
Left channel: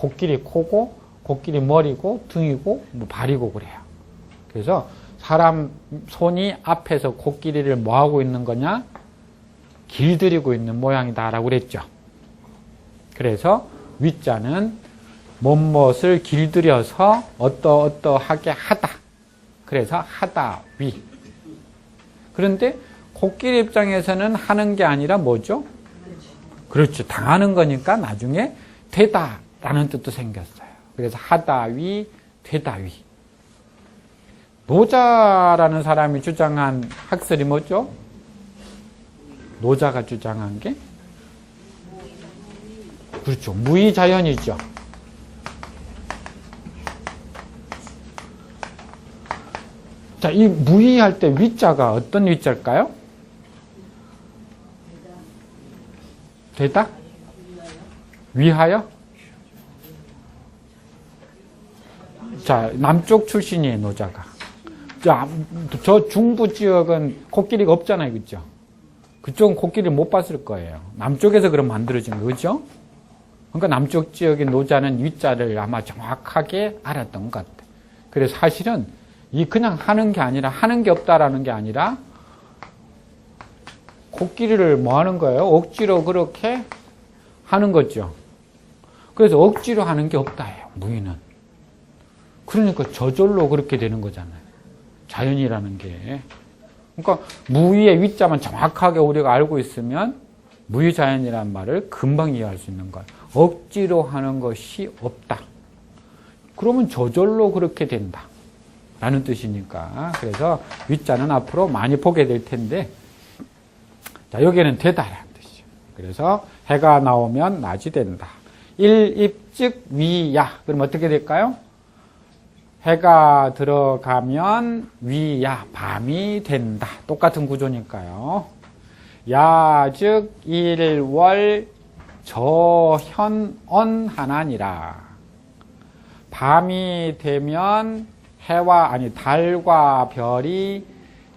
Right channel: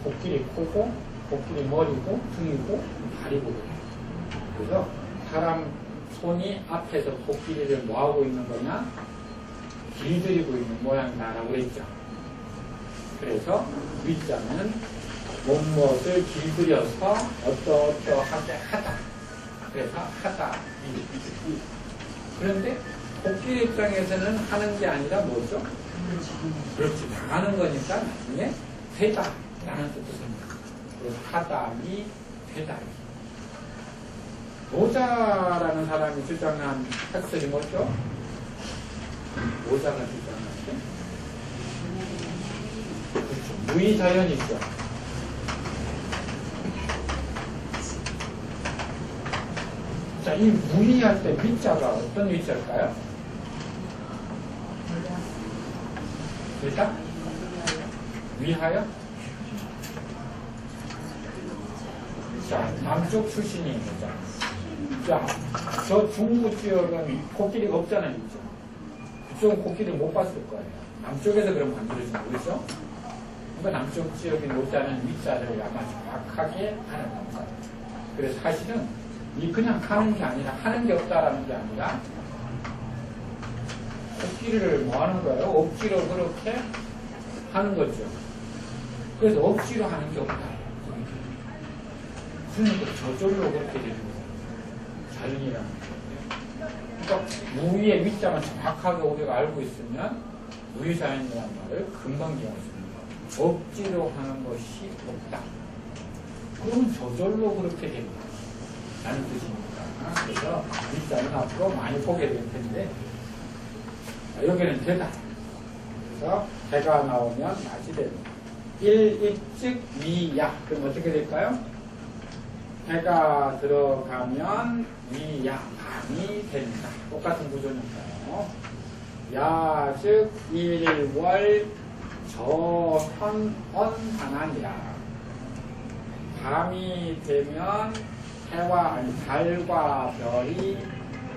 코끼리 코고, 코끼리 머리고, 등이고, 발이고 그래요. 그래서 사람 손이 앞에서 코끼리를 뭐 하고 있는 거냐? 길들이고 있는 모양이다라고 그랬죠. 그래서 위자는 무엇을 길들여서 어떠하게 하다. 그래서 하다, 위. 그런데 코끼리 입장에서는 하는 게 아니라 뭐죠? 그렇죠. 당하는 거니까 나중에 되다 라는 뜻도 생겼어요. 그래서 하다, 위, 되다, 위. 노자라는 사람이 주장한 학설이 뭐죠? 노자가 주장한 게? 그렇죠. 무의자연이죠. 자, 이 무의할 때 위자가 어떤 위자일까요? 되다? 위하여? 자, 남쪽 출신이에요, 노자가. 자, 저 중부 지역은 코끼리가 없잖아요, 그죠? 그쪽은 코끼리를 못 봤을 거예요. 남쪽에서 그럼 만들어진 거죠? 그러니까 남쪽 지역의 노자는 위자를 아마 정확하게 알았던 것 같아요. 그래서 사실은 이 그냥 하는 게 아니라, 하는 게 없다라는 게 아니라, 코끼리를 뭐 하는 거예요? 억지로 그렇게 하는 거죠. 그래서 억지로 하는 게 없다예요, 무의는. 그러니까 저절로 그렇게 되는 거잖아요. 자연이라는 게. 그러니까 무의의 위자만 정확하게 우리가 알고 있으면 무의자연이라는 말을 금방 이해할 수 있는 거예요. 억지로 하는 것이 없다. 그러면 저절로 그렇게 된다. 라는 뜻이니까. 그래서 위자는 앞으로 많이 보게 될 텐데, 자, 여기는 되다라는 뜻이죠. 그래서 해가 나오면 낮이 된다. 일입즉 위야. 그럼 어떻게 될까요? 해가 들어가면 위야, 밤이 된다. 똑같은 구조니까요. 야, 즉 일월 저현언 하나니라. 밤이 되면 달과 별이,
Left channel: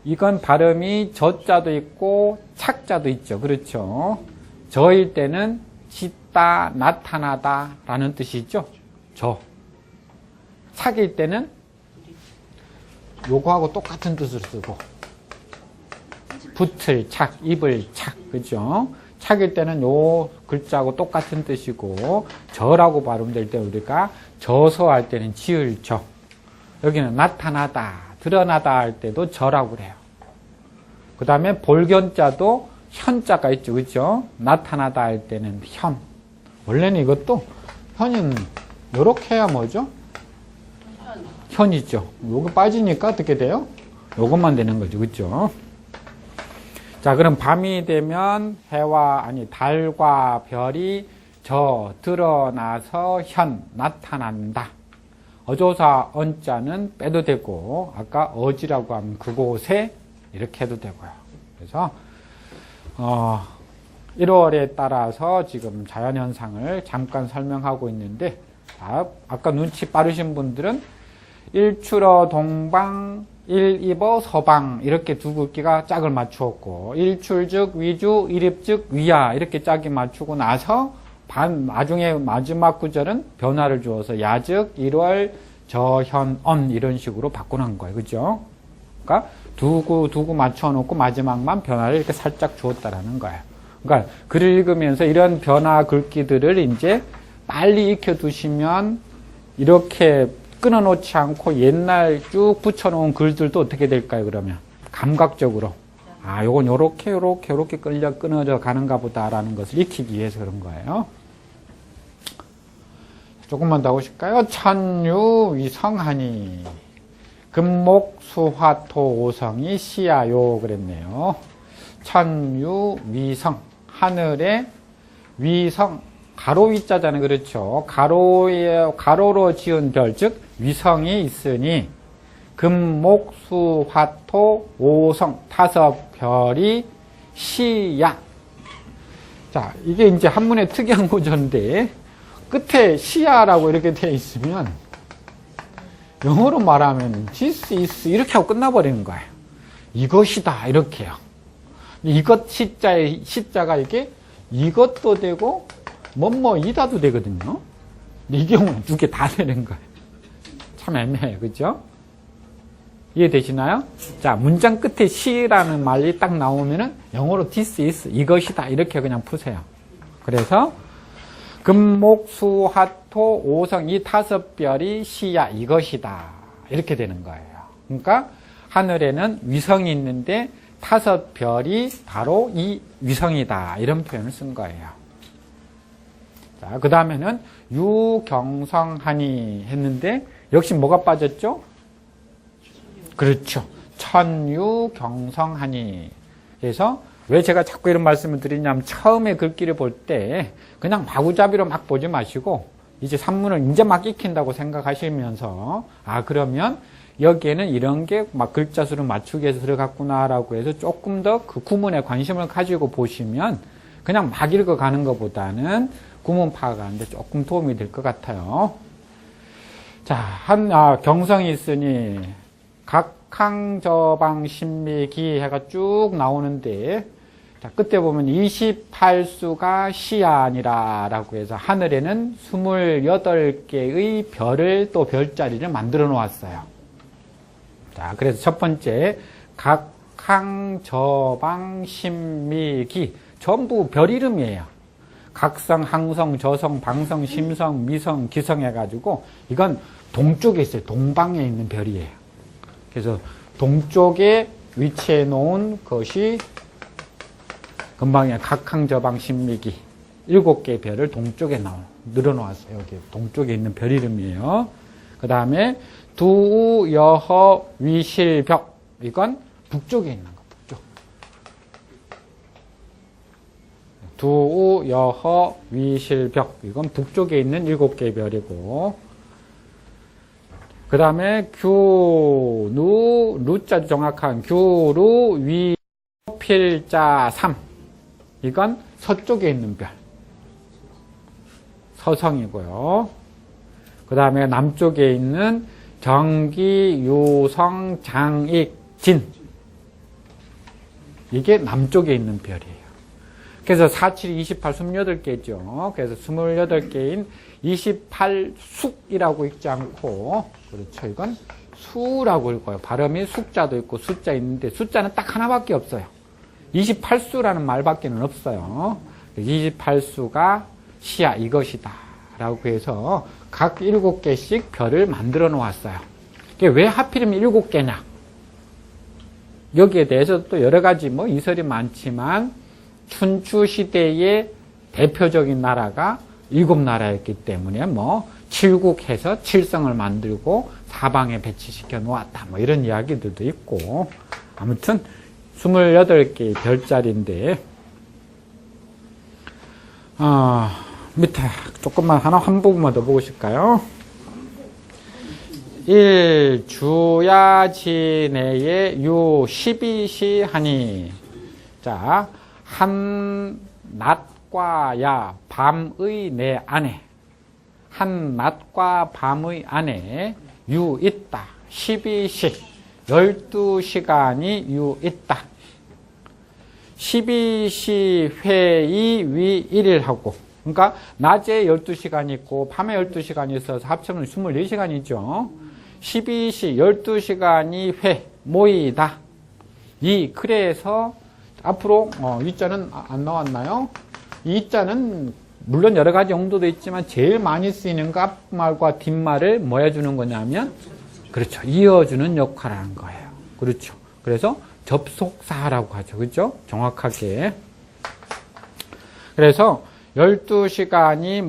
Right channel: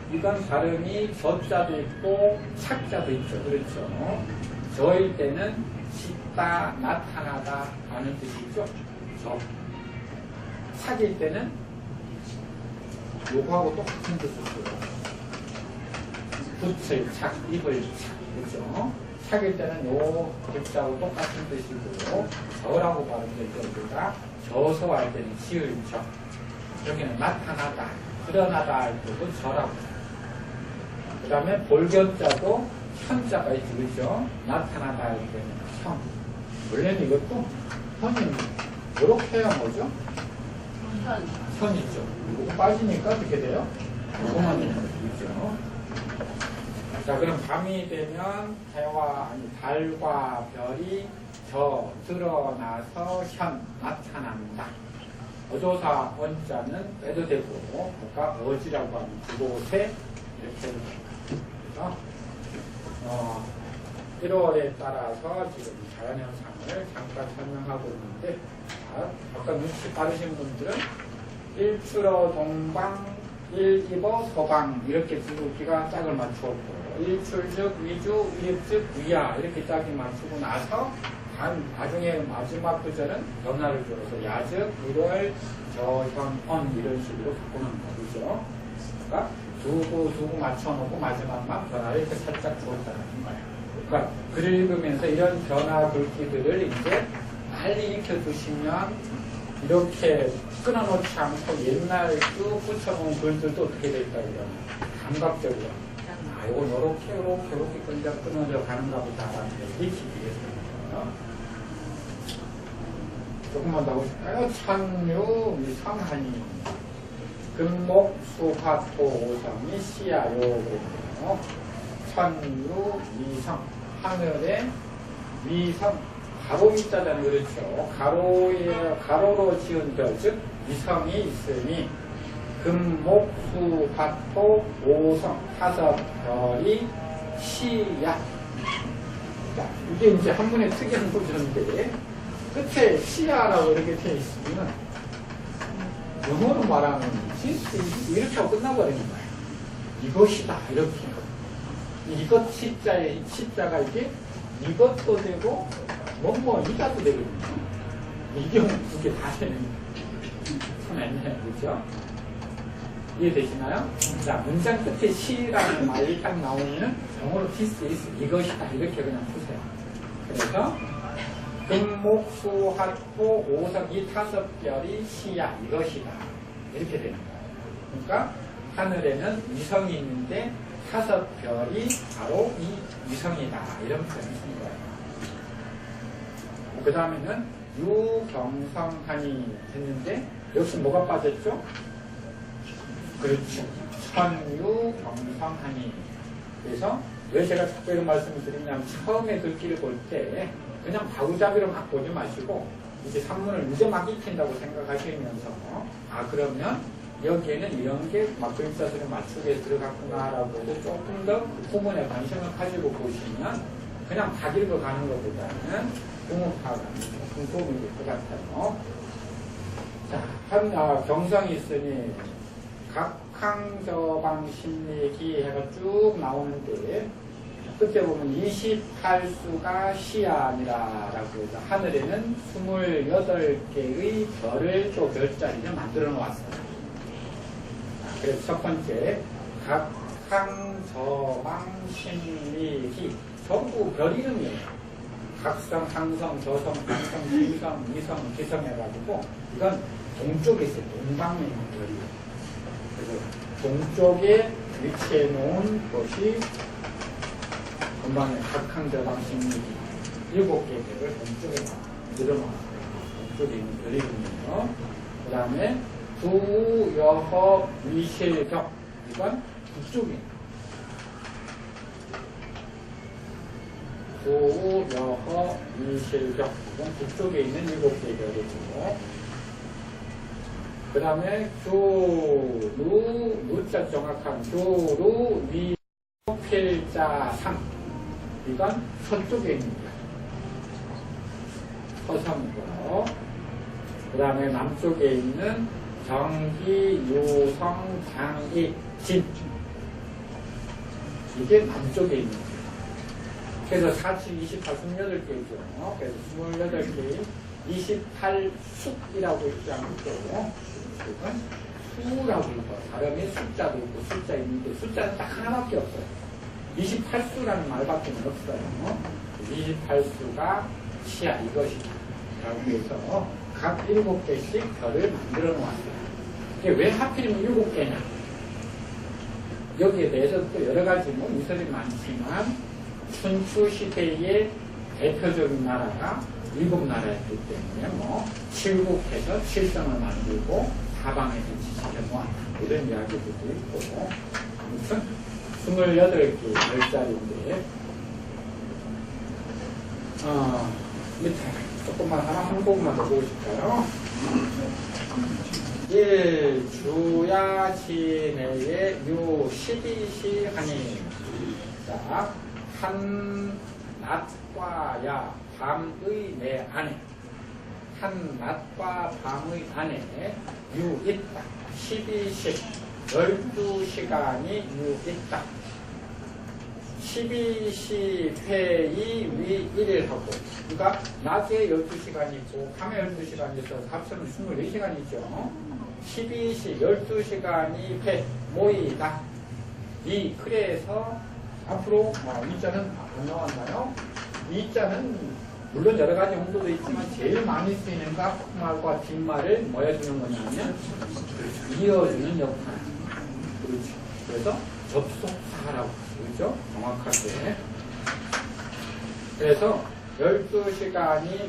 이건 발음이 저자도 있고 착자도 있죠. 그렇죠. 저일 때는 짙다, 나타나다 라는 뜻이 있죠. 저. 착일 때는 요거하고 똑같은 뜻을 쓰고, 붓을 착, 입을 착, 그죠? 착일 때는 요 글자하고 똑같은 뜻이고, 저라고 발음될 때 우리가 저서 할 때는 지을 저. 여기는 나타나다, 드러나다 할 때도 저라고 그래요. 그 다음에 볼견자도 현자가 있죠, 그죠? 나타나다 할 때는 현. 원래는 이것도 현이 요렇게 해야 뭐죠? 현이죠. 요거 빠지니까 어떻게 돼요? 요것만 되는 거죠, 그죠? 자, 그럼 밤이 되면 달과 별이 저 드러나서 현 나타난다. 어조사 언자는 빼도 되고, 아까 어지라고 하면 그곳에 이렇게 해도 되고요. 그래서 1월에 따라서 지금 자연현상을 잠깐 설명하고 있는데, 아까 눈치 빠르신 분들은 일출어 동방, 일입어 서방 이렇게 두 글귀가 짝을 맞추었고, 일출즉 위주, 일입즉 위야 이렇게 짝이 맞추고 나서 나중에 마지막 구절은 변화를 주어서 야즉 1월 저현언 이런 식으로 바꾸는 거예요. 그죠? 그러니까 두고 맞춰놓고 마지막만 변화를 이렇게 살짝 주었다라는 거예요. 그러니까 글을 읽으면서 이런 변화 글귀들을 이제 빨리 익혀두시면 이렇게 끊어놓지 않고 옛날 쭉 붙여놓은 글들도 어떻게 될까요, 그러면? 감각적으로. 요건 요렇게 끊어져 가는가 보다라는 것을 익히기 위해서 그런 거예요. 조금만 더 보실까요? 천유 위성하니. 금목 수화토 오성이 시야요 그랬네요. 천유 위성. 하늘에 위성. 가로 위자잖아요. 그렇죠. 가로로 지은 별, 즉, 위성이 있으니, 금, 목, 수, 화, 토, 오성, 5별이 시야. 자, 이게 이제 한문의 특이한 구조인데, 끝에 시야라고 이렇게 되어 있으면, 영어로 말하면, this is, 이렇게 하고 끝나버리는 거예요. 이것이다, 이렇게요. 이것 시자가 이렇게, 이것도 되고, 이다도 되거든요. 이 경우는 두 개 다 되는 거예요. 참 애매해요. 그죠? 이해되시나요? 자, 문장 끝에 시라는 말이 딱 나오면은 영어로 this is, 이것이다. 이렇게 그냥 푸세요. 그래서, 금목, 수, 화, 토, 오성, 이 5별이 시야, 이것이다. 이렇게 되는 거예요. 그러니까, 하늘에는 위성이 있는데, 5별이 바로 이 위성이다. 이런 표현을 쓴 거예요. 그 다음에는 유경성하니 했는데 역시 뭐가 빠졌죠? 그렇죠. 천유경성하니. 그래서 왜 제가 자꾸 이런 말씀을 드리냐면 처음에 글귀를 볼 때 그냥 마구잡이로 막 보지 마시고 이제 산문을 이제 막 익힌다고 생각하시면서 그러면 여기에는 이런 게 막 글자 수를 맞추기 위해서 들어갔구나라고 해서 조금 더 그 구문에 관심을 가지고 보시면 그냥 막 읽어가는 것보다는 구문 파악하는데 조금 도움이 될 것 같아요. 자, 경성이 있으니 각항저방 신미기 해가 쭉 나오는데 자, 끝에 보면 28수가 시안이라 라고 해서 하늘에는 28개의 별을 또 별자리를 만들어 놓았어요. 자, 그래서 첫 번째 각항저방 신미기 전부 별 이름이에요. 각성, 항성, 저성, 방성, 심성, 미성, 기성 해가지고 이건 동쪽에 있어요. 동방에 있는 별이에요. 그래서 동쪽에 위치해 놓은 것이 금방에 각항저방 신미기 7개의 별을 동쪽에 늘어놓았어요. 동쪽에 있는 별 이름이에요. 그 다음에 두, 여허, 위실벽 이건 북쪽에 있는 두, 여허, 위실벽 이건 북쪽에 있는 7개의 별이고 그 다음에 규, 루자 정확한 규루, 위, 필자, 삼 이건 서쪽에 있는 별 서성이고요. 그 다음에 남쪽에 있는 정기, 유성, 장익, 진 이게 남쪽에 있는 별이에요. 그래서 4, 7, 28, 28개죠. 그래서 28개인 28숙이라고 읽지 않고, 그렇죠. 이건 수라고 읽어요. 발음이 숙자도 있고 숫자 있는데 숫자는 딱 하나밖에 없어요. 28수라는 말밖에는 없어요. 28수가 시야 이것이다 라고 해서 각 7개씩 별을 만들어 놓았어요. 왜 하필이면 7개냐? 여기에 대해서 또 여러 가지 이설이 많지만 춘추 시대의 대표적인 나라가 7나라였기 때문에 칠국해서 칠성을 만들고 사방에 배치시켜 놓았다. 이런 이야기들도 있고, 아무튼 28개의 별자리인데, 밑에 조금만 한 부분만 더 보실까요? 1. 주야지내에 유 12시 하니. 자, 한 낮과 야 밤의 내 안에, 한 낮과 밤의 안에 유 있다. 12시 12시간이 유 있다. 12시 회의 위 1일하고, 그러니까 낮에 12시간이 있고 밤에 12시간이 있어서 합치면 24시간이죠. 12시 12시간이 회 모이다. 그래서 앞으로 이자는 안 나왔나요? 이자는 물론 여러 가지 용도도 있지만 제일 많이 쓰이는 거 앞말과 뒷말을 뭐 해주는 거냐면, 그렇죠, 이어주는 역할을 하는 거예요. 그렇죠. 그래서 접속사라고 하죠. 그렇죠? 정확하게. 그래서 12시간이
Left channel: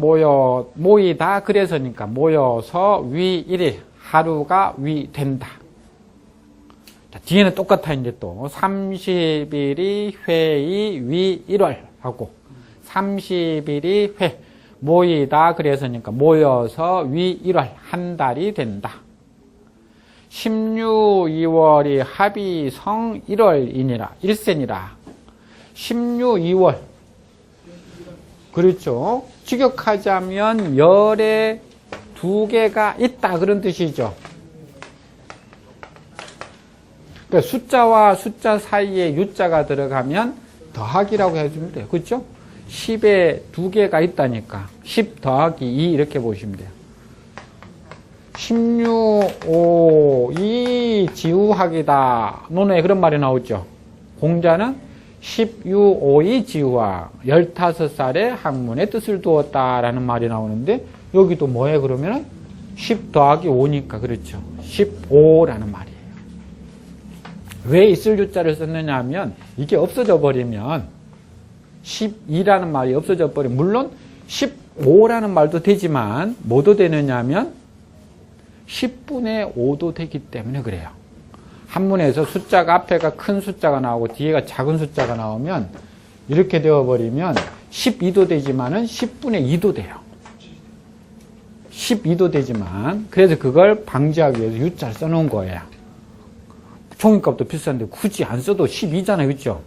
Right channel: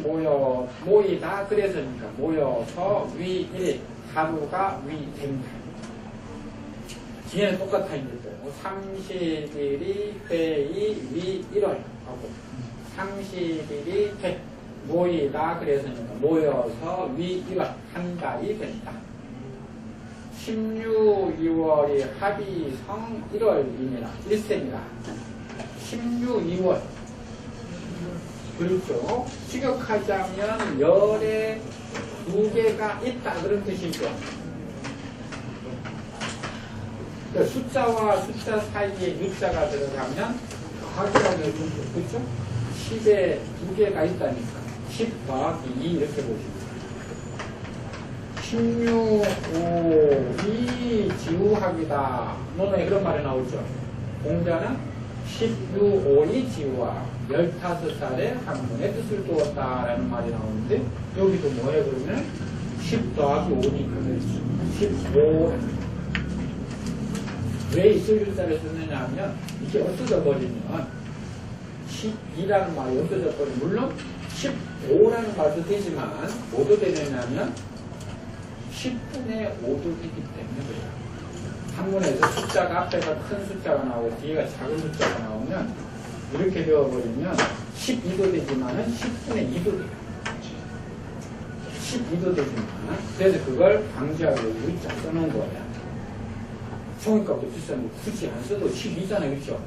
모이다. 그래서니까 모여서 위 1일, 하루가 위 된다. 뒤에는 똑같아. 이제 또 30일이 회의 위 1월 하고, 30일이 회 모이다. 그래서니까 모여서 위 1월, 한 달이 된다. 16, 2월이 합이 성 1월이니라, 1세니라. 16, 2월. 그렇죠. 직역하자면 열에 2개가 있다. 그런 뜻이죠. 그러니까 숫자와 숫자 사이에 유자가 들어가면 더하기라고 해주면 돼요. 그렇죠? 10에 2개가 있다니까. 10 더하기 2 이렇게 보시면 돼요. 16, 5, 2 지우학이다. 논어에 그런 말이 나오죠. 공자는 16, 5, 2 지우학. 15살에 학문의 뜻을 두었다라는 말이 나오는데, 여기도 뭐예요? 그러면 10 더하기 5니까 그렇죠. 15라는 말이에요. 왜 있을 유자를 썼느냐 하면, 이게 없어져 버리면 12라는 말이 없어져 버리면, 물론 15라는 말도 되지만 뭐도 되느냐 하면 10분의 5도 되기 때문에 그래요. 한문에서 숫자가 앞에가 큰 숫자가 나오고 뒤에가 작은 숫자가 나오면 이렇게 되어버리면 12도 되지만은 10분의 2도 돼요. 12도 되지만, 그래서 그걸 방지하기 위해서 유자를 써놓은 거예요. 종이값도 비싼데 굳이 안 써도 12잖아요. 그죠?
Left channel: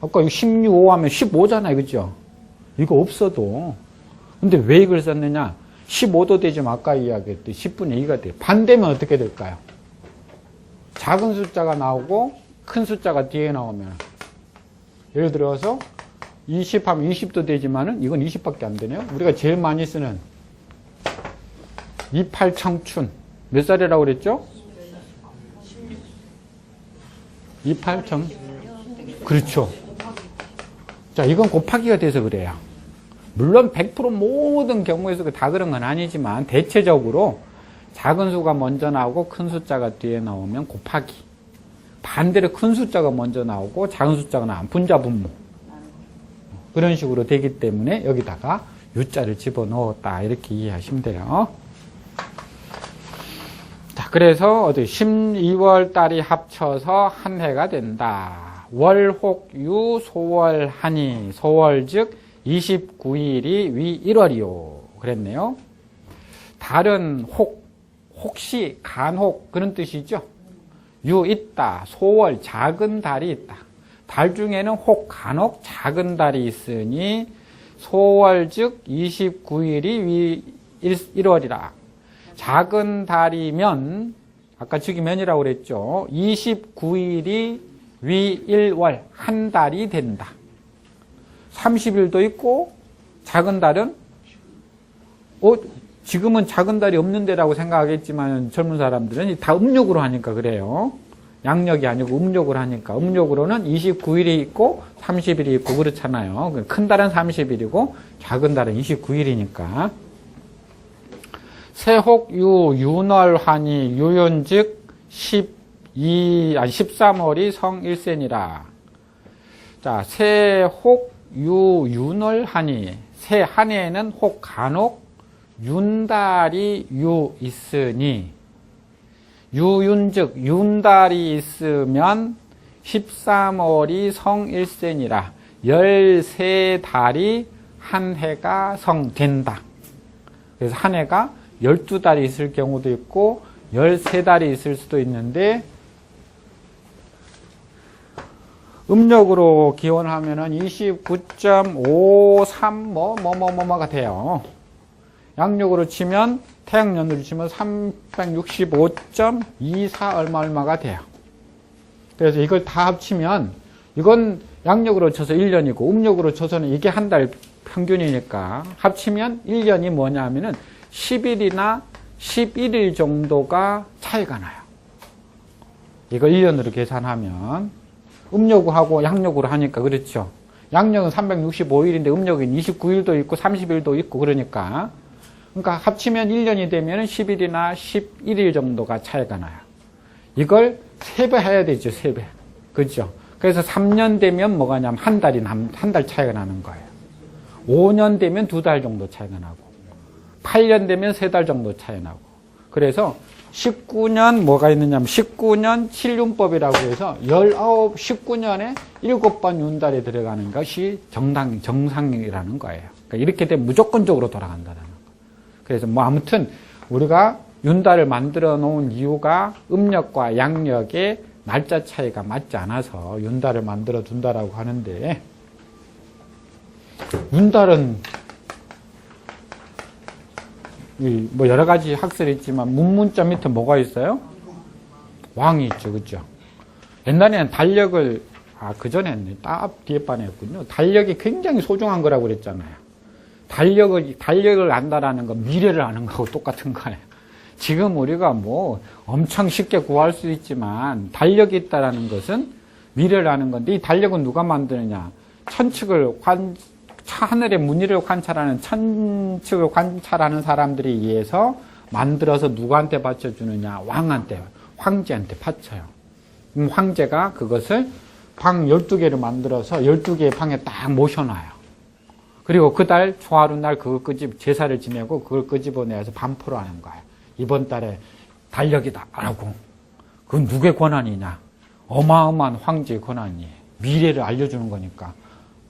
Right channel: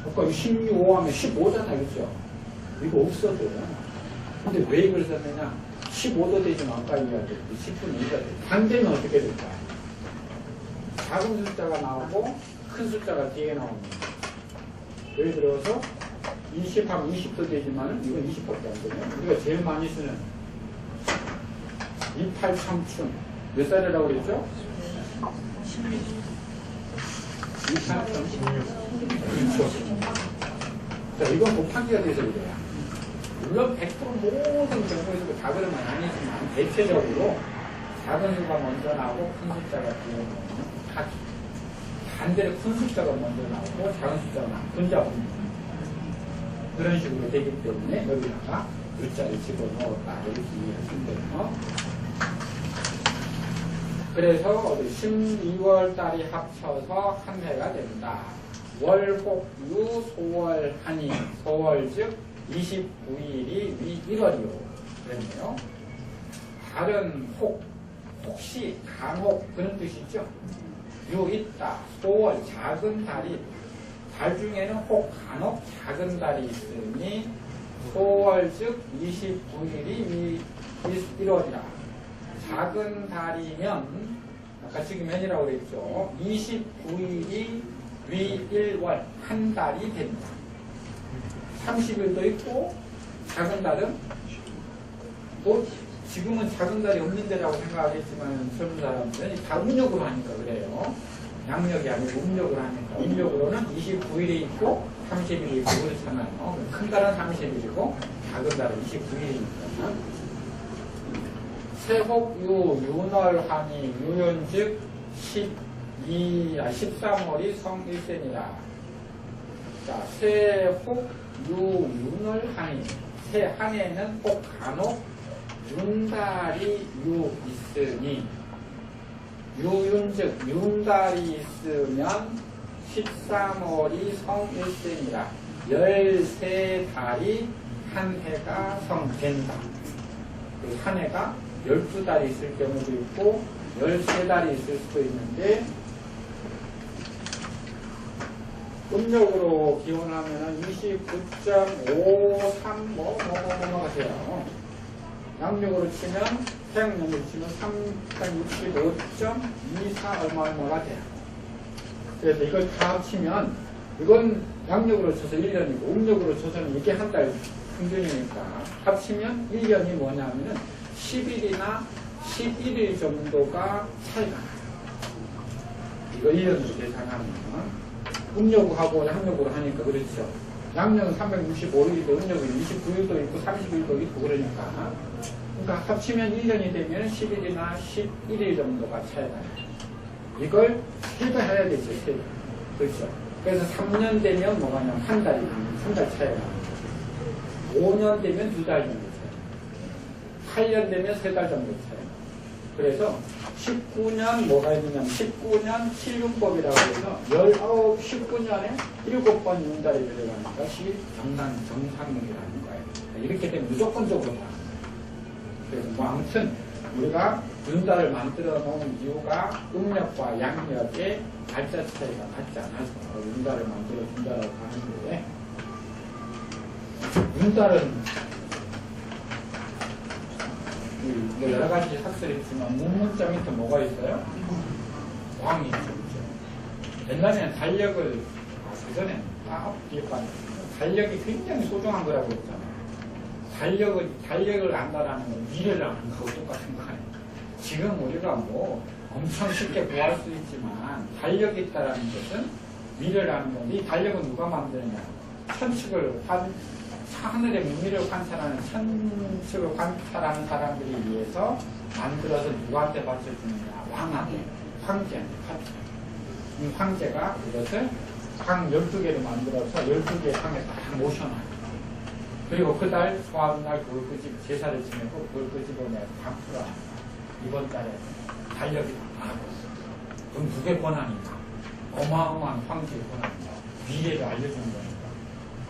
아까 이거 16, 5 하면 15잖아요. 그죠? 이거 없어도. 근데 왜 이걸 썼느냐? 15도 되지만 아까 이야기했듯이 10분의 2가 돼요. 반대면 어떻게 될까요? 작은 숫자가 나오고 큰 숫자가 뒤에 나오면, 예를 들어서 20 하면 20도 되지만은 이건 20밖에 안 되네요. 우리가 제일 많이 쓰는 28 청춘 몇 살이라고 그랬죠? 28 청춘. 그렇죠. 자, 이건 곱하기가 돼서 그래요. 물론 100% 모든 경우에서 다 그런 건 아니지만 대체적으로 작은 수가 먼저 나오고 큰 숫자가 뒤에 나오면 곱하기, 반대로 큰 숫자가 먼저 나오고 작은 숫자가 나오면 분자분모, 그런 식으로 되기 때문에 여기다가 유자를 집어넣었다 이렇게 이해하시면 돼요. 자, 그래서 12월 달이 합쳐서 한 해가 된다. 월혹유 소월하니, 소월 즉 29일이 위 1월이요 그랬네요. 달은 혹시 간혹 그런 뜻이죠. 유 있다. 소월 작은 달이 있다. 달 중에는 간혹 작은 달이 있으니 소월 즉 29일이 위 1월이라. 작은 달이면 아까 즉이 면이라고 그랬죠. 29일이 위 1월 한 달이 된다. 30일도 있고, 작은 달은 지금은 작은 달이 없는 데라고 생각하겠지만 젊은 사람들은 다 음력으로 하니까 그래요. 양력이 아니고 음력으로 하니까 음력으로는 29일이 있고 30일이 있고 그렇잖아요. 큰 달은 30일이고 작은 달은 29일이니까. 세혹유 윤월환이 유윤즉 13월이 성일세니라. 자, 세혹유 윤월환이 세 한 해에는 혹 간혹 윤달이 유 있으니 유윤즉 윤달이 있으면 13월이 성일세니라. 13달이 한 해가 성된다. 그래서 한 해가 12달이 있을 경우도 있고 13달이 있을 수도 있는데 음력으로 기원하면은 29.53 뭐가 돼요. 양력으로 치면 태양연으로 치면 365.24 얼마가 돼요. 그래서 이걸 다 합치면 이건 양력으로 쳐서 1년이고 음력으로 쳐서는 이게 한 달 평균이니까 합치면 1년이 뭐냐면은 10일이나 11일 정도가 차이가 나요. 이거 1년으로 계산하면 음력하고 양력으로 하니까 그렇죠. 양력은 365일인데 음력은 29일도 있고 30일도 있고 그러니까 합치면 1년이 되면 10일이나 11일 정도가 차이가 나요. 이걸 3배 해야 되죠. 3배. 그렇죠. 그래서 3년 되면 뭐가 냐면 한 달 차이가 나는 거예요. 5년 되면 2달 정도 차이가 나고 8년 되면 3달 정도 차이 나고 그래서 19년 뭐가 있느냐면 19년 7윤법이라고 해서 19년에 7번 윤달이 들어가는 것이 정상이라는 거예요. 그러니까 이렇게 되면 무조건적으로 돌아간다는 거예요. 그래서 뭐 아무튼 우리가 윤달을 만들어 놓은 이유가 음력과 양력의 날짜 차이가 맞지 않아서 윤달을 만들어 둔다라고 하는데 윤달은 뭐 여러 가지 학설이 있지만 문문자 밑에 뭐가 있어요? 왕이 있죠, 그죠? 옛날에는 달력을 그전에는 딱 뒤에 반에 했군요. 달력이 굉장히 소중한 거라고 그랬잖아요. 달력을 안다라는 건 미래를 아는 거하고 똑같은 거예요. 지금 우리가 뭐 엄청 쉽게 구할 수 있지만 달력이 있다라는 것은 미래를 아는 건데 이 달력은 누가 만드느냐? 하늘의 무늬를 관찰하는 천측을 관찰하는 사람들이 의해서 만들어서 누구한테 바쳐주느냐? 왕한테, 황제한테 바쳐요. 황제가 그것을 방 12개를 만들어서 12개의 방에 딱 모셔놔요. 그리고 그 달 초하루 날 그걸 제사를 지내고 그걸 끄집어내서 반포로 하는 거예요. 이번 달에 달력이다 라고. 그건 누구의 권한이냐? 어마어마한 황제의 권한이에요. 미래를 알려주는 거니까.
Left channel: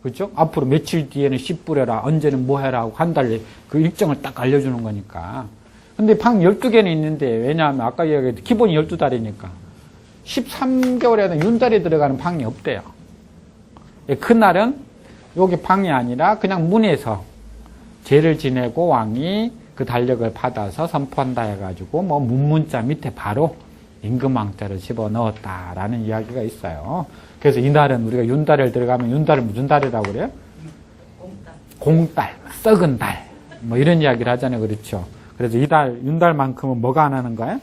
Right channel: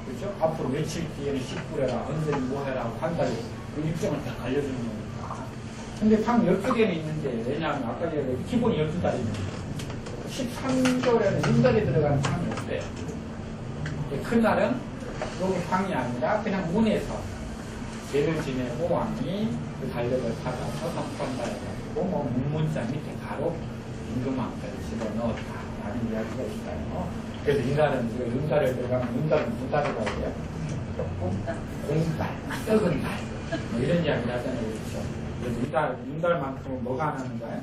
그렇죠? 앞으로 며칠 뒤에는 10불해라, 언제는 뭐 해라 하고 한 달에 그 일정을 딱 알려주는 거니까. 근데 방 12개는 있는데, 왜냐하면 아까 이야기했듯이 기본이 12달이니까. 13개월에는 윤달이 들어가는 방이 없대요. 그날은 여기 방이 아니라 그냥 문에서 제를 지내고 왕이 그 달력을 받아서 선포한다 해가지고 뭐 문문자 밑에 바로 임금왕자를 집어넣었다라는 이야기가 있어요. 그래서 이날은 우리가 윤달을 들어가면 윤달을 무슨 달이라고 그래요? 공달, 썩은 달. 뭐 이런 이야기를 하잖아요. 그렇죠. 그래서 이달, 윤달만큼은 뭐가 안 하는 거예요?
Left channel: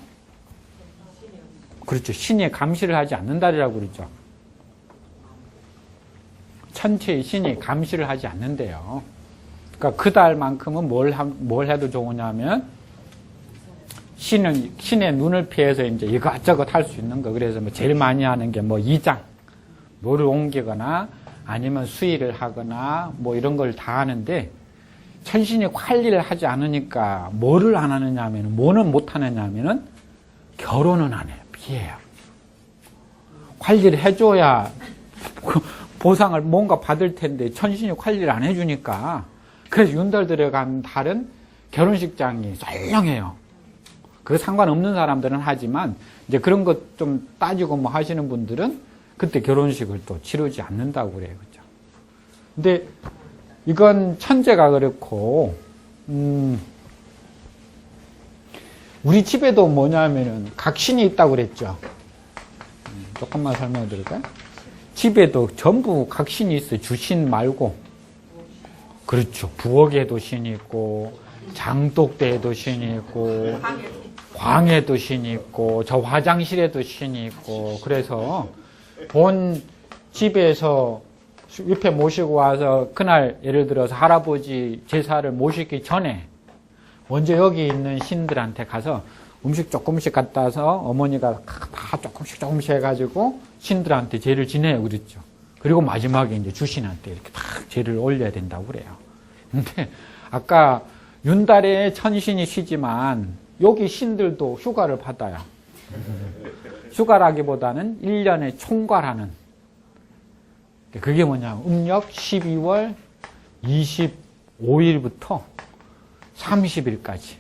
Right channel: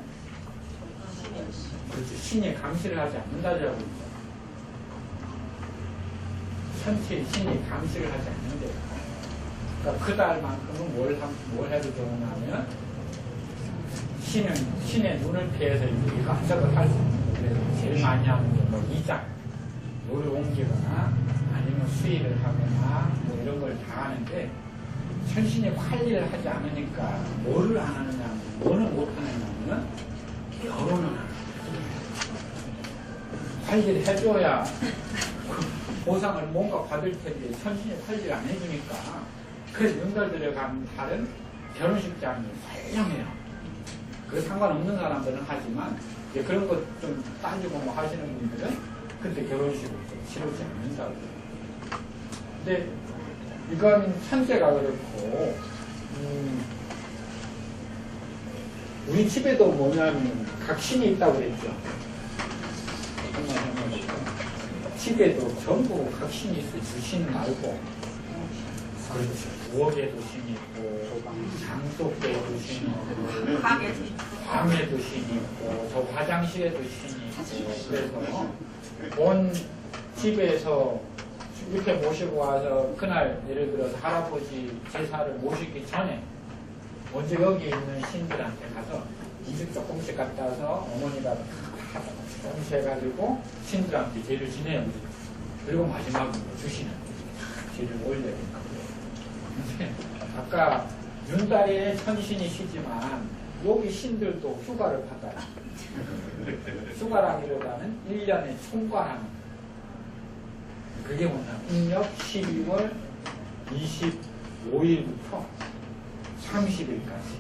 그렇죠. 신이 감시를 하지 않는 달이라고 그러죠. 천체의 신이 감시를 하지 않는데요. 그러니까 그 달만큼은 뭘 해도 좋으냐면 신의 눈을 피해서 이제 이것저것 할 수 있는 거. 그래서 뭐 제일 많이 하는 게 뭐 이장, 노를 옮기거나 아니면 수의를 하거나 뭐 이런 걸 다 하는데 천신이 관리를 하지 않으니까 뭐를 안 하느냐면 뭐는 못 하느냐면은 결혼은 안 해요. 피해요. 관리를 해줘야 보상을 뭔가 받을 텐데 천신이 관리를 안 해주니까 그래서 윤달 들어간 달은 결혼식장이 썰렁해요. 그 상관없는 사람들은 하지만 이제 그런 것 좀 따지고 뭐 하시는 분들은 그때 결혼식을 또 치르지 않는다고 그래요. 근데 이건 천재가 그렇고 우리 집에도 뭐냐면 각신이 있다고 그랬죠. 또 한번 설명해 드릴까요? 집에도 전부 각신이 있어요. 주신 말고 그렇죠. 부엌에도 신이 있고, 장독대에도 신이 있고, 방에도 신이 있고, 저 화장실에도 신이 있고, 그래서 본 집에서 옆에 모시고 와서 그날 예를 들어서 할아버지 제사를 모시기 전에 먼저 여기 있는 신들한테 가서 음식 조금씩 갖다 와서 어머니가 다 조금씩 해가지고 신들한테 제를 지내요. 그랬죠. 그리고 마지막에 이제 주신한테 이렇게 다 제를 올려야 된다고 그래요. 근데 아까 윤달에 천신이 쉬지만 여기 신들도 휴가를 받아요. 휴가라기보다는 1년에 총괄하는. 그게 뭐냐. 음력 12월 25일부터 30일까지.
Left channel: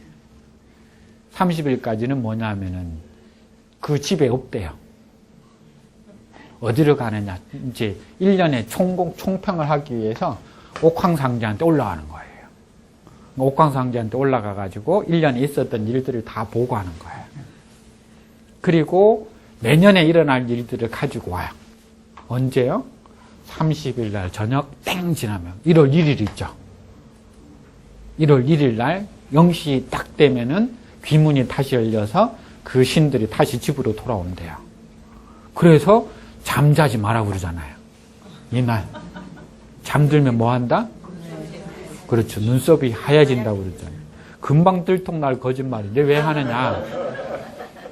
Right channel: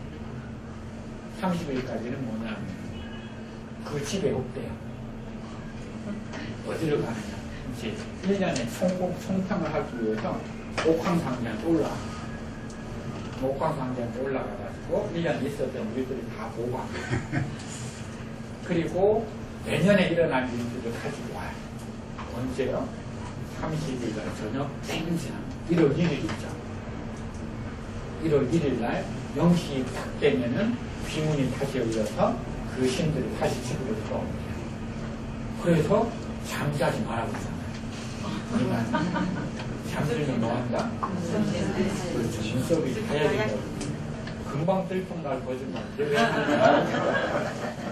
30일까지는 뭐냐면은 그 집에 없대요. 어디로 가느냐. 이제 1년에 총평을 하기 위해서 옥황상제한테 올라가는 거예요. 옥황상제한테 올라가가지고 1년에 있었던 일들을 다 보고하는 거예요. 그리고 내년에 일어날 일들을 가지고 와요. 언제요? 30일 날 저녁 땡 지나면 1월 1일 있죠. 1월 1일 날 0시 딱 되면은 귀문이 다시 열려서 그 신들이 다시 집으로 돌아온대요. 그래서 잠자지 마라 그러잖아요. 이날 잠들면 뭐 한다? 그렇죠. 눈썹이 하얘진다고 그러죠. 금방 들통날 거짓말인데 왜 하느냐?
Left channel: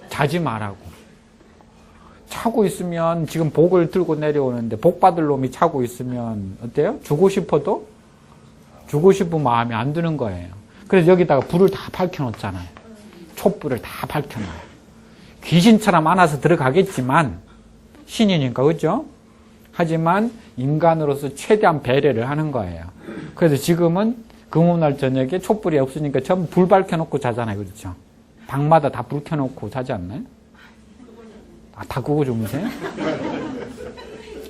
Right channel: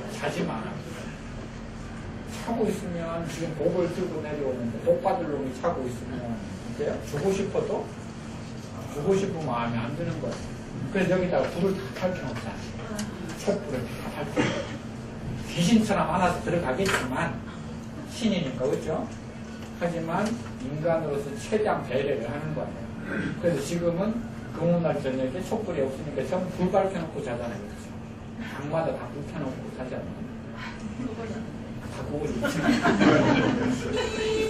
자지 마라고. 차고 있으면 지금 복을 들고 내려오는데 복 받을 놈이 차고 있으면 어때요? 주고 싶어도 주고 싶은 마음이 안 드는 거예요. 그래서 여기다가 불을 다 밝혀놓잖아요. 촛불을 다 밝혀놓고 귀신처럼 안아서 들어가겠지만 신이니까 그렇죠? 하지만 인간으로서 최대한 배려를 하는 거예요. 그래서 지금은 금요날 저녁에 촛불이 없으니까 전부 불 밝혀놓고 자잖아요. 그렇죠? 방마다 다 불 켜놓고 자지 않나요? 아, 다 그거 주무세요?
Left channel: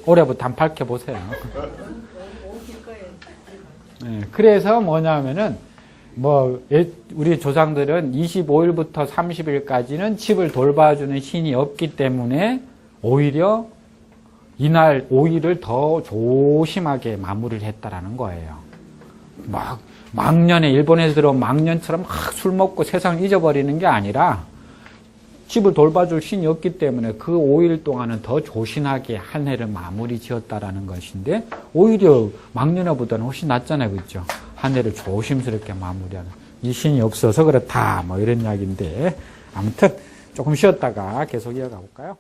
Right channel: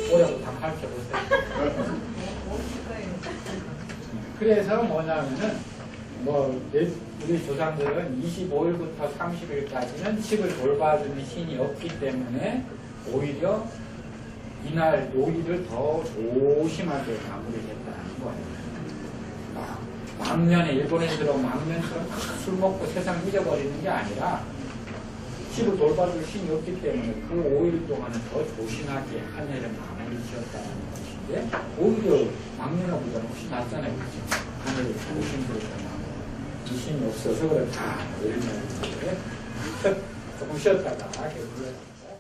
올해부터 한번 밝혀보세요. 네, 그래서 뭐냐면은 우리 조상들은 25일부터 30일까지는 집을 돌봐주는 신이 없기 때문에 오히려 이날 5일을 더 조심하게 마무리를 했다라는 거예요. 망년에 일본에서 들어온 망년처럼 막 술 먹고 세상을 잊어버리는 게 아니라 집을 돌봐줄 신이 없기 때문에 그 5일 동안은 더 조신하게 한 해를 마무리 지었다라는 것인데 오히려 망년보다는 훨씬 낫잖아요. 그렇죠? 한 해를 조심스럽게 마무리하고 이 신이 없어서 그렇다 뭐 이런 이야기인데 아무튼 조금 쉬었다가 계속 이어가 볼까요?